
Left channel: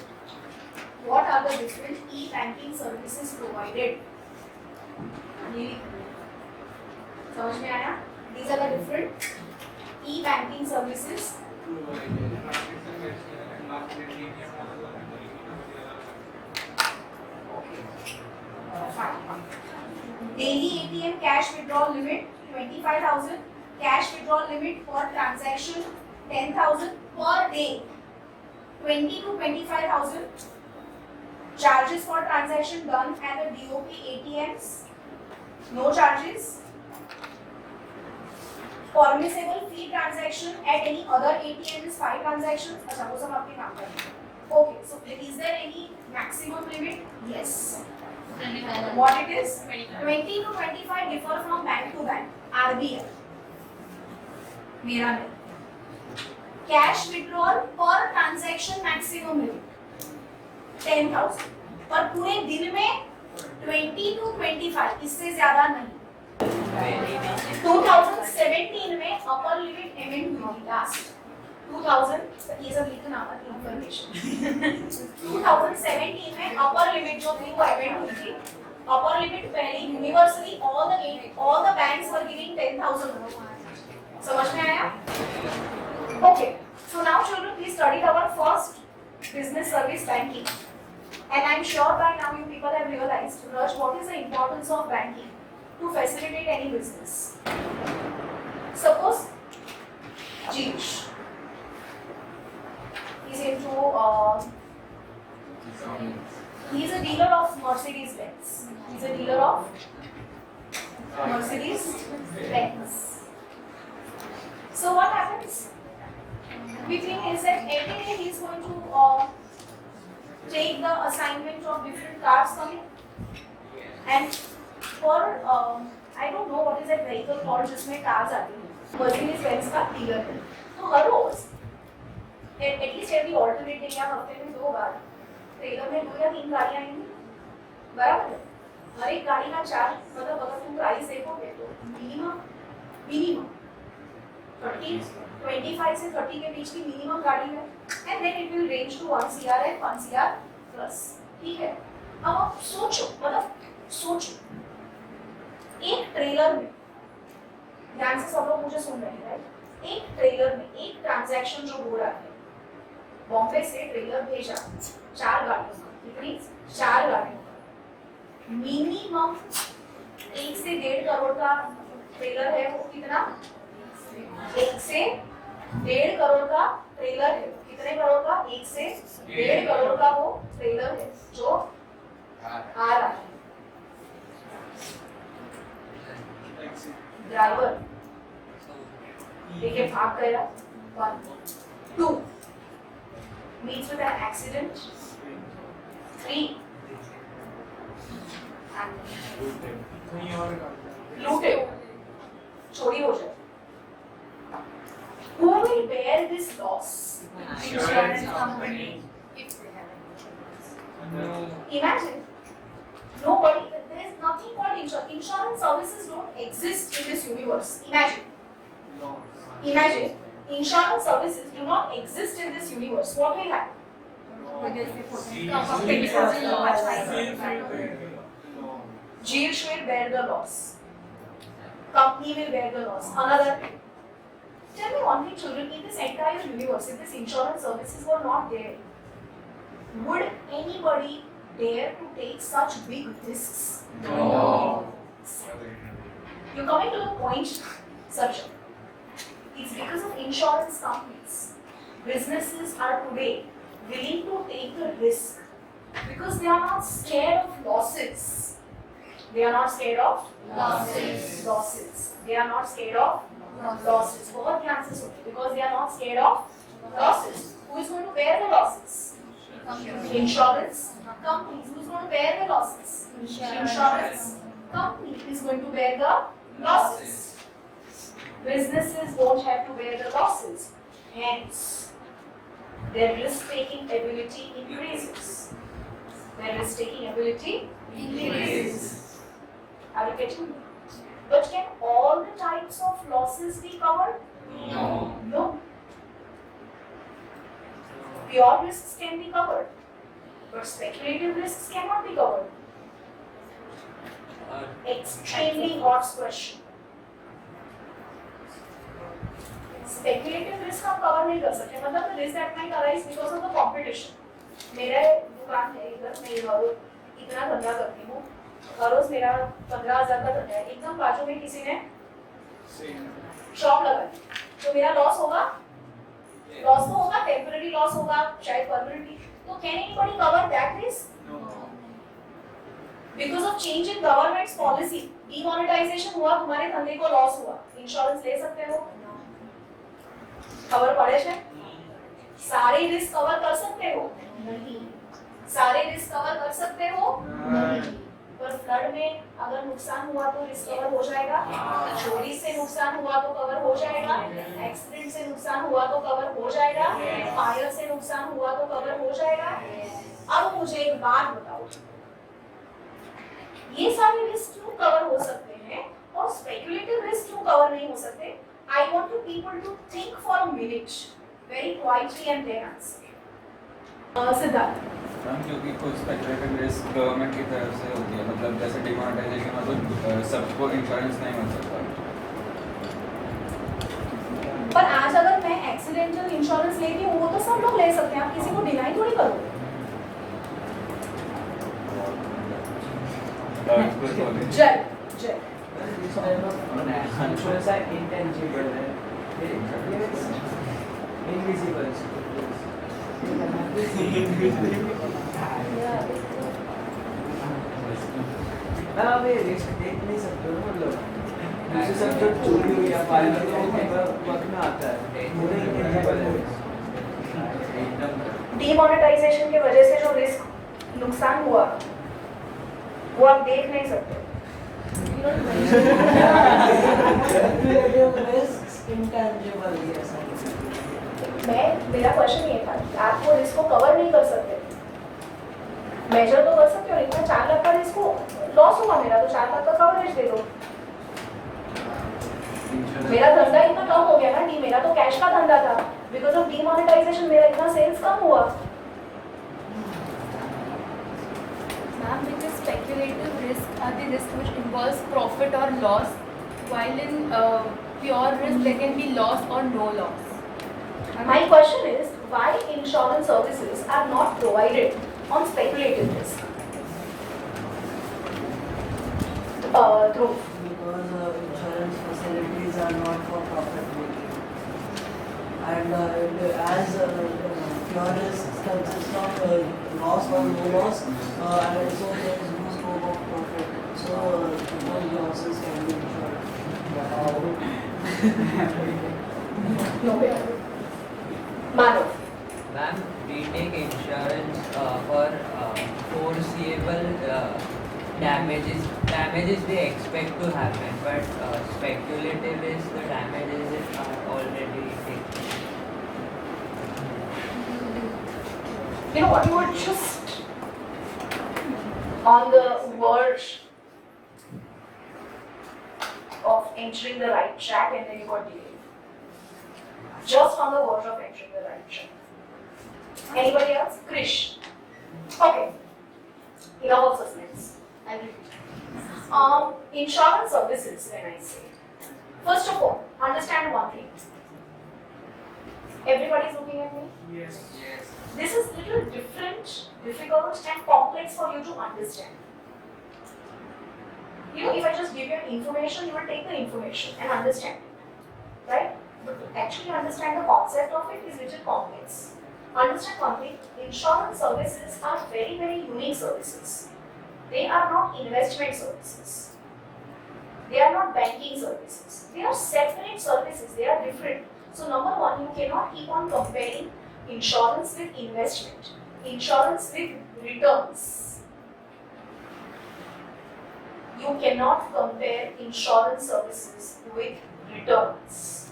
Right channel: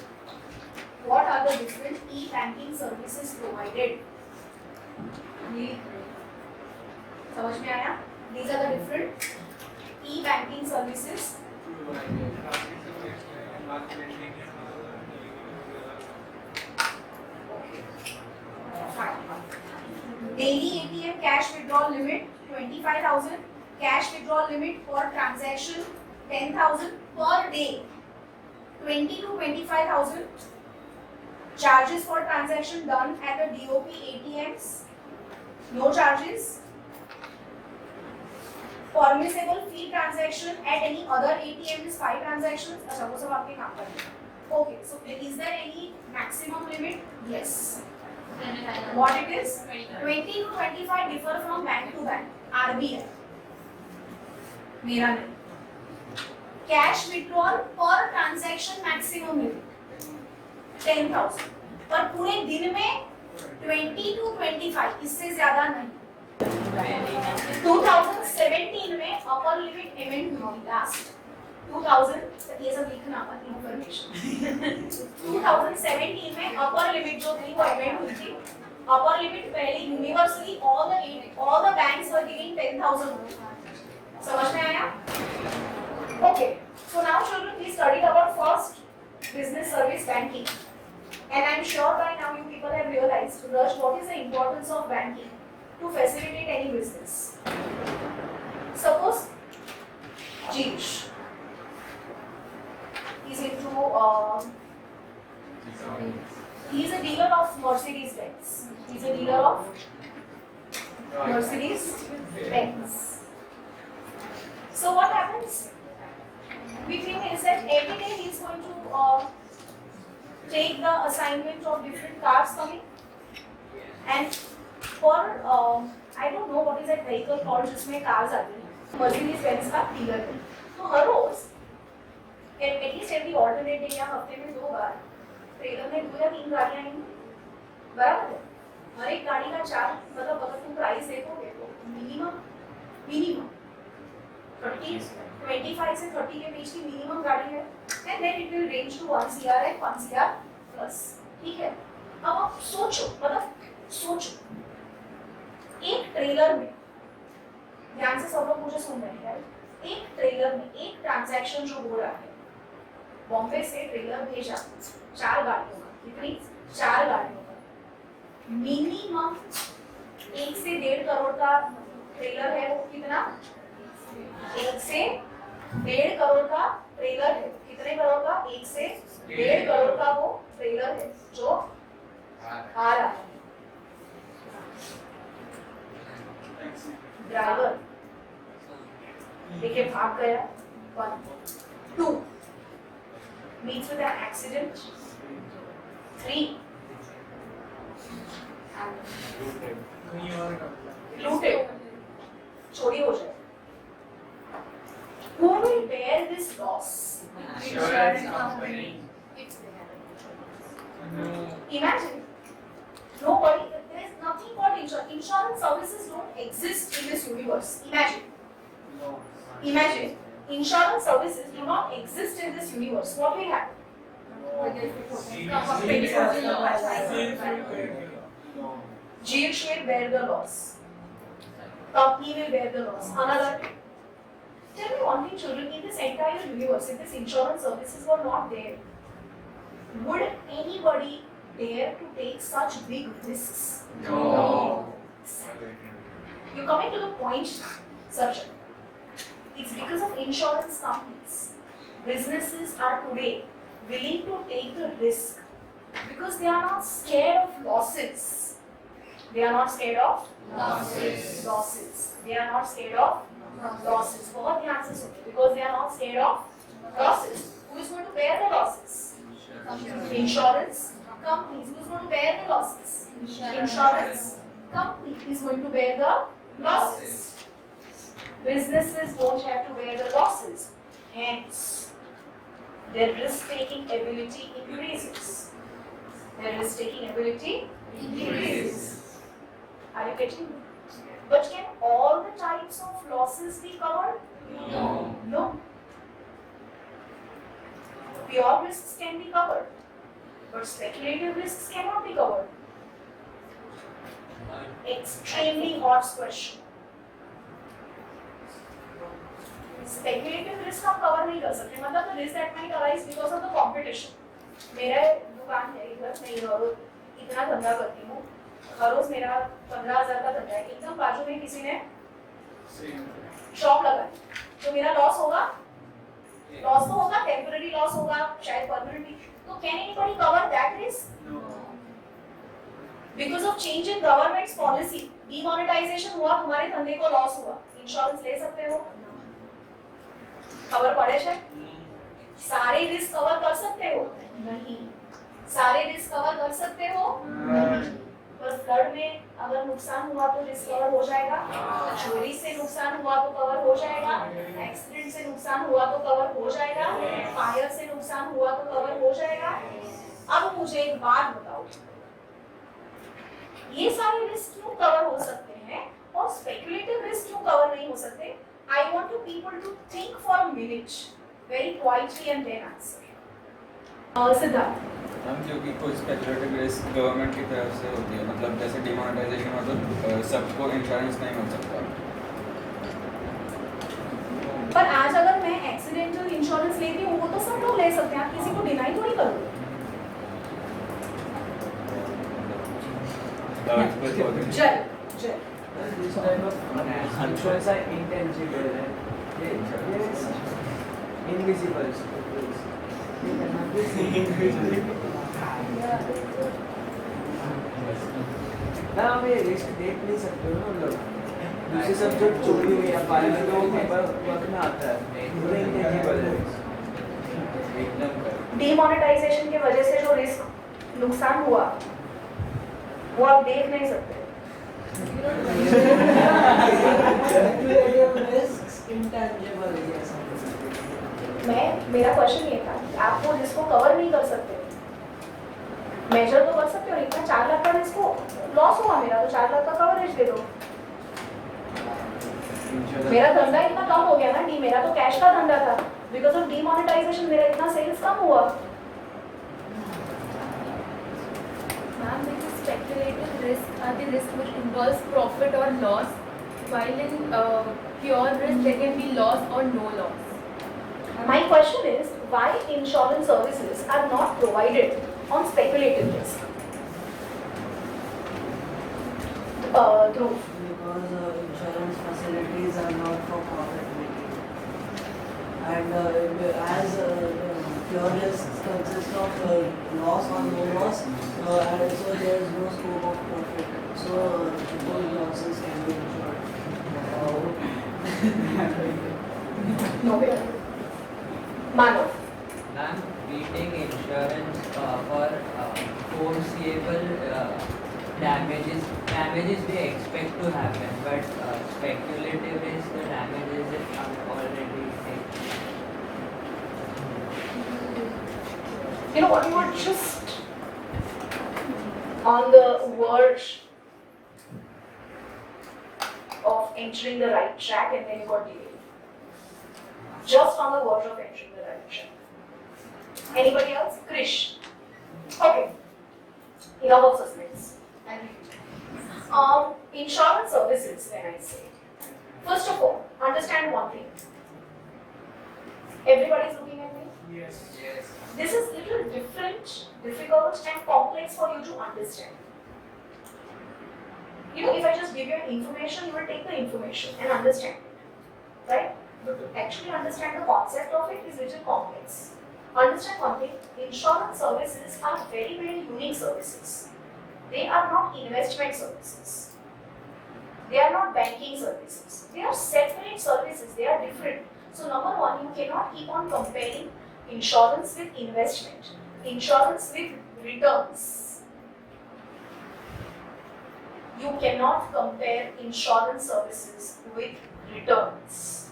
What are the different e-banking services provided? ये समझ में आया? These are the different e-banking services. Daily ATM cash withdrawal limit 25,000. Cash withdrawal limit for transaction 10,000 per day. 20 to 25,000. Charges for transaction done at the DOP ATMs. No charges. Permissible fee transaction at any other ATM is 5 transactions. अच्छा वो सब आपके काम करने हैं. Okay, so is there any maximum limit? Yes. What it is? 20 to 25 differ from bank to bank. RBI. मेरा नहीं. Cash withdrawal per transaction maximum limit 10,000. पर पूरे दिन में 20 to 25 इससे ज़्यादा नहीं. 2017 में अपर लिमिट एमेंड हुई थी लास्ट. 2000 ये सब लिखना मत इंफॉर्मेशन. 2017 में अपर लिमिट जो थी वो एमेंड हुई थी. अपर लिमिट पहले universally all the banks were giving 10,000. समझ में आया? Okay. So now children, we studied our first business service banking, and I'm sure by now you people have realized what is the importance of banking to facilitate any business. Suppose Jeesh is into he's a dealer of Mercedes Benz. He's a dealer of Mercedes Benz. So what happens? We think is that every day he's going to take the assignment of different cars coming, and for I don't know what is that vehicle called जिसमें cars आती हैं. Mercedes Benz का dealer है. तो हर रोज at least every alternate day या हफ्ते में 2 बार trailer में 2 या 3 गाड़ियाँ आएंगी. बराबर है. हर एक गाड़ी का चार्ज मतलब अगर तुम प्राइस देखोगे तो मिनिमम 25 से 30 के बीच की मिनिमम गाड़ी है. And then it will range to 1 CR and 1 CR plus. ठीक है. अब आप सोचो एक ट्रेलर में, ध्यान से सब लोग मुझे सुन रहे हैं, एक ट्रेलर में एक ट्रांजैक्शन जो हो रहा है, बॉम्बे से ट्रेलर भेजा 4 गाड़ियों का. कितनी? 4 गाड़ियों का. मिनिमम 1 से 1.5 करोड़ का ट्रेलर है. वो कितना? 1 से 1.5 करोड़ का ट्रेलर है. कितने करोड़ का? 1 से 1.5 करोड़ का वो ट्रेलर है जो आ रहा है. ड्राइवर देखिए भाग गया. 1 2 meets with an accident. 3 looted, चोरी हो जाए. Who will bear this loss? Insurance company. Imagine, nobody. There is nothing called insurance. Insurance services don't exist in this universe. Imagine, insurance services do not exist in this universe. What will happen? GH will bear the loss. Company will bear the loss. Another. Tell me one thing, children. In this entire universe, if this insurance services were not there, would anybody dare to take such big risks? No. You're coming to the point, Sarjan. It's because of insurance companies. Businesses are today willing to take the risk because they are not scared of losses. They are not scared of losses. They are not scared of losses. बहुत ध्यान से सुनिए. Because they are not scared of losses. Who is going to bear the losses? Insurance companies. Who is going to bear the losses? Insurance company is going to bear the losses. Businesses won't have to bear the losses. Hence, their risk-taking ability increases. Their risk-taking ability increases. Are you getting me? But can all the types of losses be covered? No. No. pure risks can be covered, but speculative risks cannot be covered. Extremely hot question. Speculative risk हम cover नहीं कर सकते, मतलब risk that might arise because of the competition. मेरा दुकान है इधर, मैं इतना धंधा करती हूँ, हर रोज मेरा 15,000 का धंधा है, एकदम बाजू में किसी ने शॉप लगाई तो मेरा लॉस होगा, लॉस तो होगा, टेम्पररी लॉस होगा, शायद परमानेंटली। तो can anybody cover that risk? Because of change in government's policy, demonetization हुआ, तुम्हारे धंधे को लॉस हुआ, इंश्योरेंस ले सकते हो? कवर पड़े છે? सारे रिस्क कवर कर सकते हो? नहीं। सारे रिस्क कवर कर सकते हो? नहीं। पर फ्लड में अगर नुकसान हुआ तो रिस्क कवर हो जाएगा, चोरी से नुकसान हुआ तो कवर हो जाएगा, एक्सीडेंट से नुकसान हुआ तो कवर हो जाएगा, फायर से नुकसान हुआ तो कवर हो जाएगा। अब मुझे एक बात बताओ, ये सारे रिस्क क्यों कवर हो सकते हैं और स्पेक्युलेटिव रिस्क क्यों कवर नहीं हो सकते? I want you people to think for a minute, very quietly, and then answer. Siddharth. हम क्योंकि कोई स्पेक्युलेटिव रिस्क गवर्नमेंट की तरफ से होती है, मतलब जैसे डिमोनेटाइजेशन हो तो सबको इंश्योरेंस नहीं मिल सकता। पर आज अगर मैं एक्सीडेंटल इंश्योरेंस लेती हूँ वो तो सब लोग ले सकते हैं, आप किसी को डिनाई थोड़ी करो। जय जय Insurance are intangible, invisible. ना हमें रिस्क देख नहीं सकते हो, मतलब दूसरे सब जो चोरी हुई या पालन में वो वक्त में आता है, पूरे intangible है। एकदम डीमोनेटाइजेशन की वजह से जो रिस्क नुकसान हुआ वो आप देख नहीं सकते। मेरा क्वेश्चन ये था कि आप वो रिस्क को कवर नहीं कर सकते, मेजर तो कर सकते हो। इतना 4 लाख का रिस्क को लॉस हुआ मेरा, तो 4 लाख का कवरेज दे दो। मेरा धंधा इतना कम हो गया ना, मेरा तो कैश का धंधा था, बिकॉज ऑफ डीमोनेटाइजेशन मेरा इतना सेल्स कम हुआ। Speculative risk are the risk which involves profit or loss, while in pure risk there can be loss or no loss. My question is, why insurance services are not provided on speculative risk? Dhruv. Because insurance facilities are not for profit making, and as pure risks consist of loss or no loss, and so there is no scope of profit. So those losses can be insured. No way. Manav. Ma'am, we take insurance for foreseeable damages we expect to happen, but speculative is the damages is already taken. You know what, you were just on the verge of entering the right track and then you got delayed. Just on the verge of entering the right track. Anybody else? Krish. Okay. Enough of suspense. I'll repeat. Insurance services, when I say. First of all, understand one thing. Everybody's looking at me? Yes. This is little different, difficult and complex for you to understand. You know, if I just give you information, you will take the information and understand it, right? But to actually understand the concept of it is little complex. Understand one thing, insurance services are very, very unique services. They are not investment services. They are not banking services. They are separate services, they are different. So number one, you cannot keep on comparing insurance with investment, insurance with returns. You cannot compare insurance services with returns.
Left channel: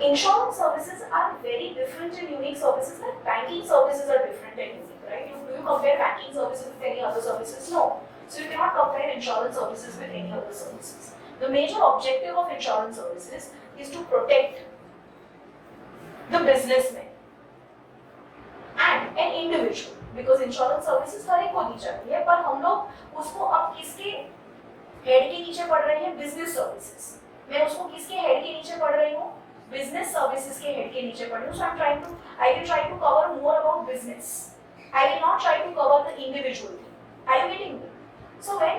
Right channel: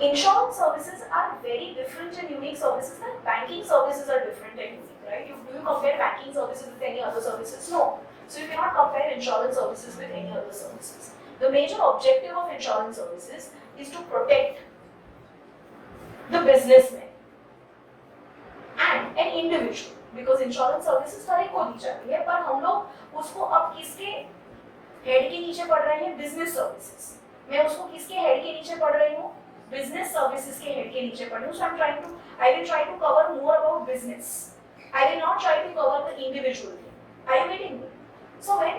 Insurance services are very different and unique services, like banking services are different and unique, right? Do you compare banking services with any other services? No. So you cannot compare insurance services with any other services. The major objective of insurance services is to protect the businessman. And an individual, because insurance services हर एक को दी जाती है, पर हम लोग उसको अब किसके हेड के नीचे पढ़ रहे हैं? Business services. मैं उसको किसके हेड के नीचे पढ़ रही हूँ? बिजनेस सर्विसेज के हेड के नीचे पढ़ रही हूँ। So I will try to cover more about business, I will not try to cover the individual thing. Are you getting me? So when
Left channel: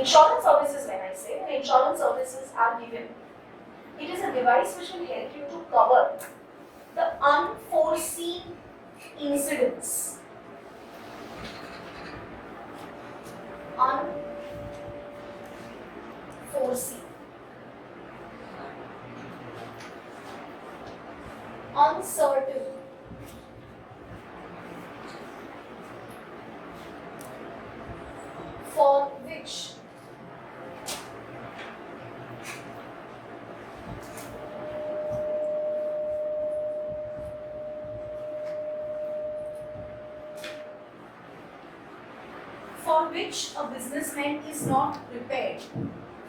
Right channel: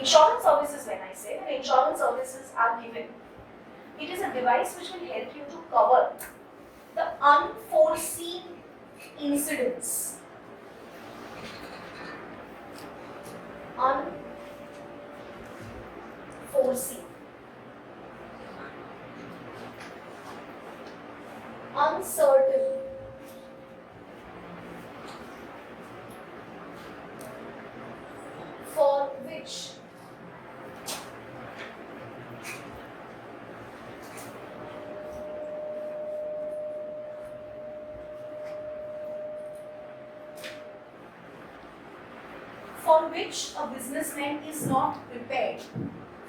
insurance services, when I say when insurance services are given, it is a device which will help you to cover the unforeseen incidents, unforeseen, uncertain, for which a businessman is not prepared,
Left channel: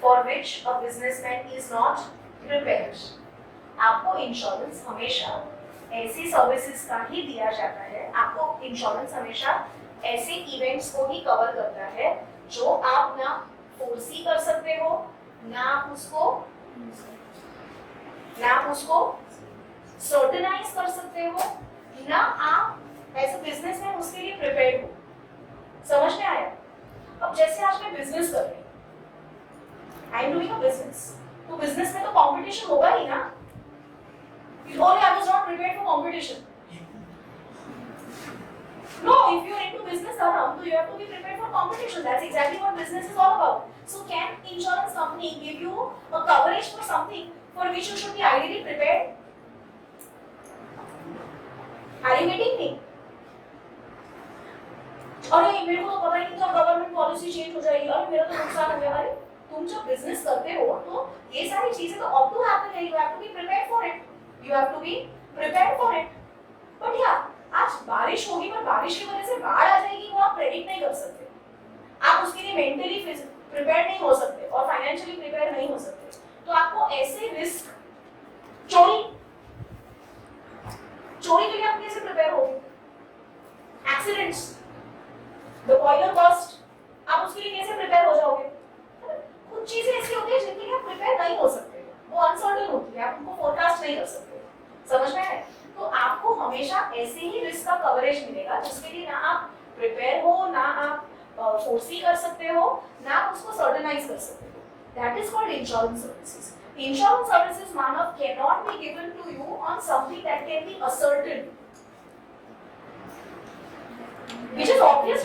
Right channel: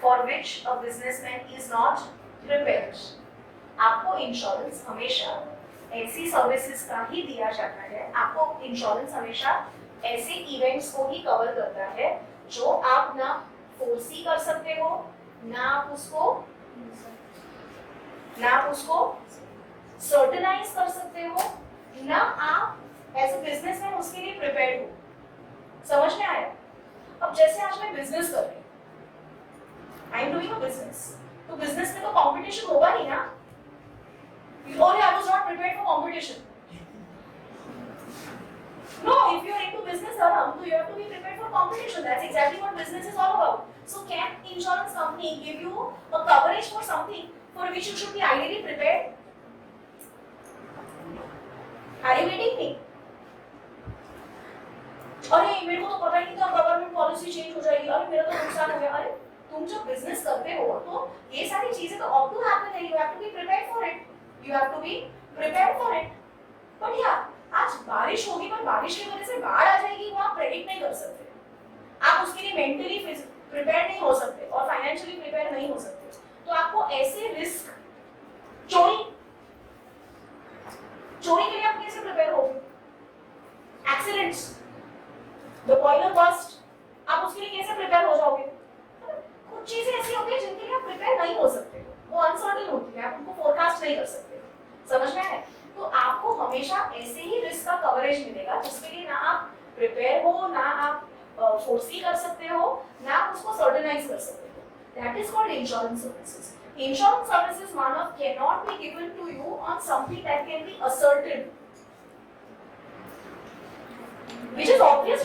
for which a businessman is not prepared. आपको insurance हमेशा ऐसी services का ही दिया जाता है, आपको insurance हमेशा ऐसे इवेंट्स को ही कवर करता है जो आप ना फोर्सी कर सकते हो, ना आप उसको सर्टेनाइज कर सकते हो, ना आप एज अ बिजनेसमैन उसके लिए प्रिपेयर्ड हो। समझ में आया? अब जैसे आज मैं बिजनेस कर रही हूँ, आई एम डूइंग अ बिजनेस, तो बिजनेस में तो कंपटीशन होगा ही ना। Only I was not prepared for competition. No, if you are into business, Aram, so you have to be prepared for competition. That's exactly what business is all about. So can insurance company give you a coverage for something for which you should be ideally prepared? Are you getting me? अरे मेरे को तो पता ही नहीं था government policy change हो जाएगी, अरे मेरा तो नुकसान हो गया। अरे तुम जब बिजनेस करते हो तो ये सारी चीजें तो अब टू हैपन है, you have to be prepared for it, you have to be prepared for it. But यार आज बारिश होगी, पर बारिश की वजह से बाढ़ आ जाएगी, वो आप प्रेडिक्ट नहीं कर सकते, आप उसके लिए मेंटली प्रिपेयर नहीं हो सकते और फाइनेंशियली प्रिपेयर नहीं हो सकते। तो आपको ऐसे रिस्क, चोरी के लिए आप कैसे प्रिपेयर होगे? एक्सीडेंट्स, द बॉयलर बस्ट, आप उसके लिए कैसे प्रिपेयर हो जाओगे? कुछ चीजें ऐसी होती है जिनके लिए आप प्रिपेयर नहीं हो सकते, वो अनसर्टेन होती है, आप उनको फोरकास्ट नहीं कर सकते। समझ में आया? तो आपको हमेशा ऐसे ही रिस्क का कवरेज मिलेगा जिसके लिए ना आप प्रिपेयर हो, ना आप फोर्सी कर सकते हो, ना आप उसको सर्टेनाइज कर सकते हो। That is called insurance services. Insurance services मानव can not be given to you on something that can be ascertain, which is obvious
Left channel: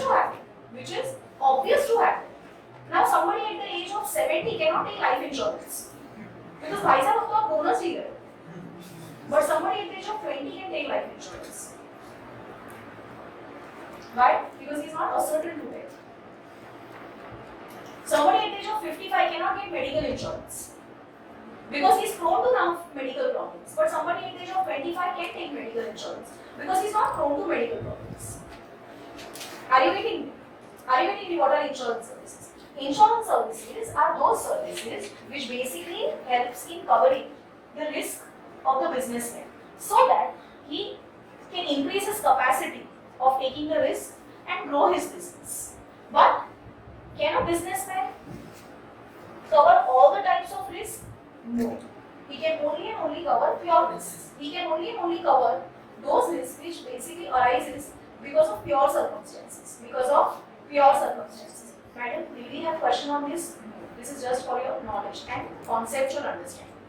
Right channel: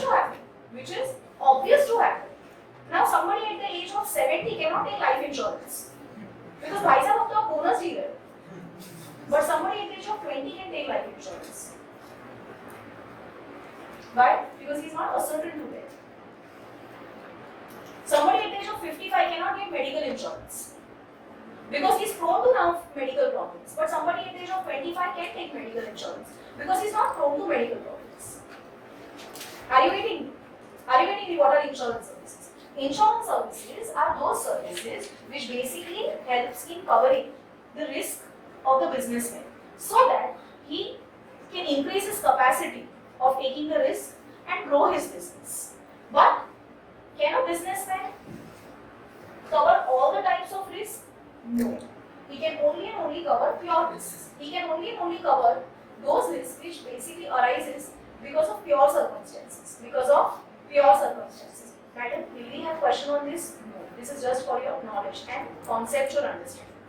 to happen. Now somebody at the age of 70 cannot take life insurance because भाई साहब अब तो आप bonus ही गए, but somebody at the age of 20 can take life insurance. Why? Because he is not ascertain to it. Somebody at the age of 55 cannot get medical insurance because he is prone to now medical problems, but somebody at the age of 25 can take medical insurance because he is not prone to medical problems. Are you getting me? What are insurance services? Insurance services are those services which basically helps in covering the risk of the businessman so that he can increase his capacity of taking the risk and grow his business. But can a businessman cover all the types of risk? No. He can only and only cover pure risks. He can only and only cover those risks which basically arises because of pure circumstances. Madam, will we have question on this? No. This is just for your knowledge and conceptual understanding.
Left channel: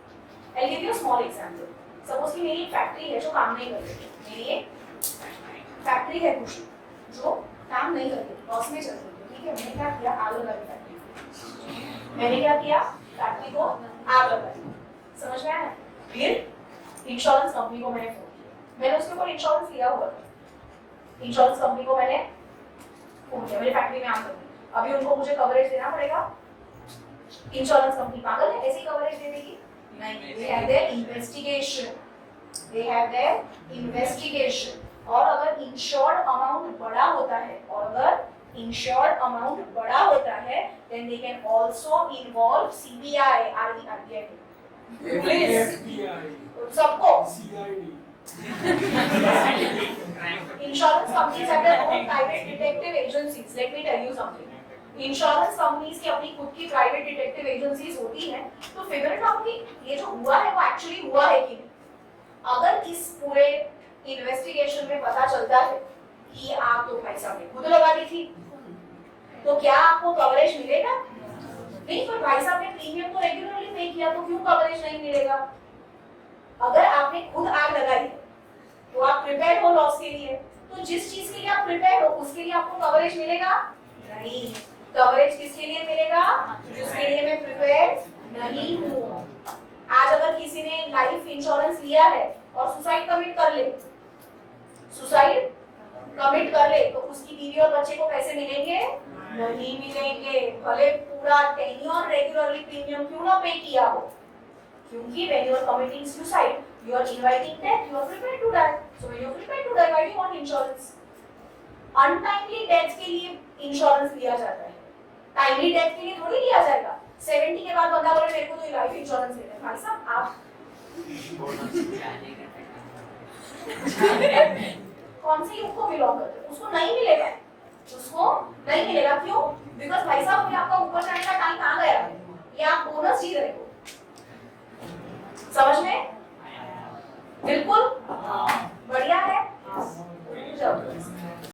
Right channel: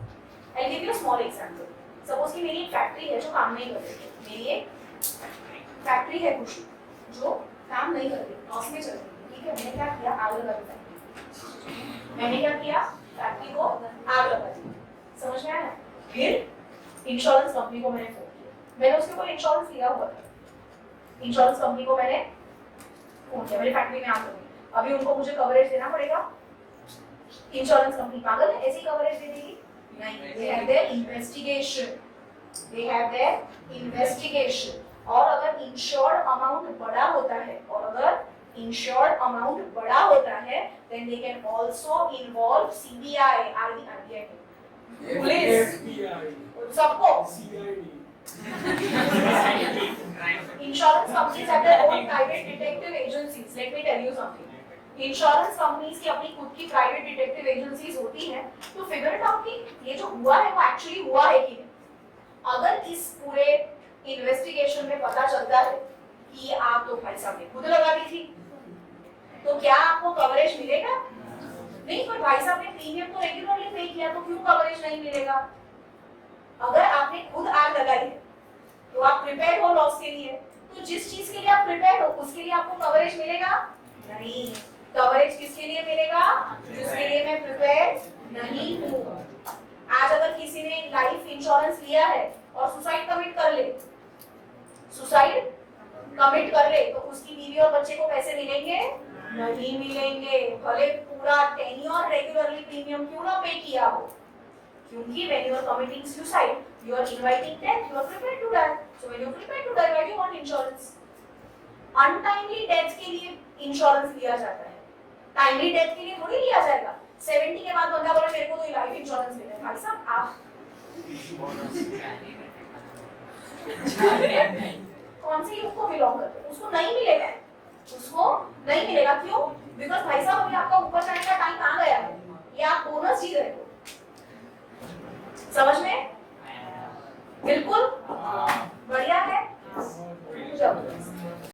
I'll give you a small example. Suppose कि मेरी एक factory है जो काम नहीं कर रही है, मेरी एक फैक्ट्री है कुछ जो काम नहीं कर रही, लॉस में चल रही है, ठीक है? मैंने क्या किया? आग लगा दी फैक्ट्री। मैंने क्या किया? फैक्ट्री को आग लगा दी। समझ में आया? फिर इंश्योरेंस कंपनी को मैंने फोन किया, मैंने उसके ऊपर इंश्योरेंस लिया हुआ था, इंश्योरेंस कंपनी को मैंने फोन किया, मेरी फैक्ट्री में आग लगी, अभी उनको मुझे कवरेज देना पड़ेगा। इंश्योरेंस कंपनी पागल है, ऐसी कवरेज दे देगी? नहीं, they have their investigation। और अगर इंश्योर्ड अमाउंट बड़ा होता है, then they can also involve CBI, RBI, police, सबको Insurance companies have their own private detective agencies. Let me tell you something. Insurance companies की अपनी खुद की private detective agencies होती हैं, तो figure it out कि ये जो हुआ है वो actually हुआ है कि नहीं. अगर इस पूरे investigation में पता चलता है कि ये आग तो भाई साहब ने खुद लगा दी थी, तो क्या आपको कवरेज मिलेगा? नहीं, पर भाई साहब ने प्रीमियम तो रेगुलरली पे किया, तो क्यों कवरेज नहीं मिलेगा? अगर आपने खुद आग लगाई है तो आप प्रिपेयर हो लॉस के लिए, तो जिस चीज के लिए आप प्रिपेयर हो उसके लिए आपको कवरेज मिलेगा नहीं. कवरेज किसके लिए मिलेगा? जिसके लिए मैं प्रिपेयर नहीं हूँ. आज अगर किसी ने लाइफ इंश्योरेंस लिया है और सुसाइड कमिट कर ले, तो उसकी बीवी और बच्चे को पैसे मिलेंगे? नहीं मिलेंगे, भले पूरा टेन्योर रेगुलरली प्रीमियम क्यों ना पे किया हो. क्योंकि when you are committing suicide, you are inviting death, you are prepared to die. So when you are prepared to die, why do you want insurance? Untimely death के लिए insurance लिया जाता है, टाइमली डेथ के लिए थोड़ी लिया जाएगा. 70 के बाद बंदा बोले मेरे को तो लाइफ इंश्योरेंस लेना है, भाई साहब आप कौन से युग को बिलोंग करते हो? उसको नहीं मिलेगा, क्यों? बिकॉज भाई साहब अभी आपका ऊपर जाने का टाइम आ गया है, ये आप बोनस जी रहे हो. समझ में? बिल्कुल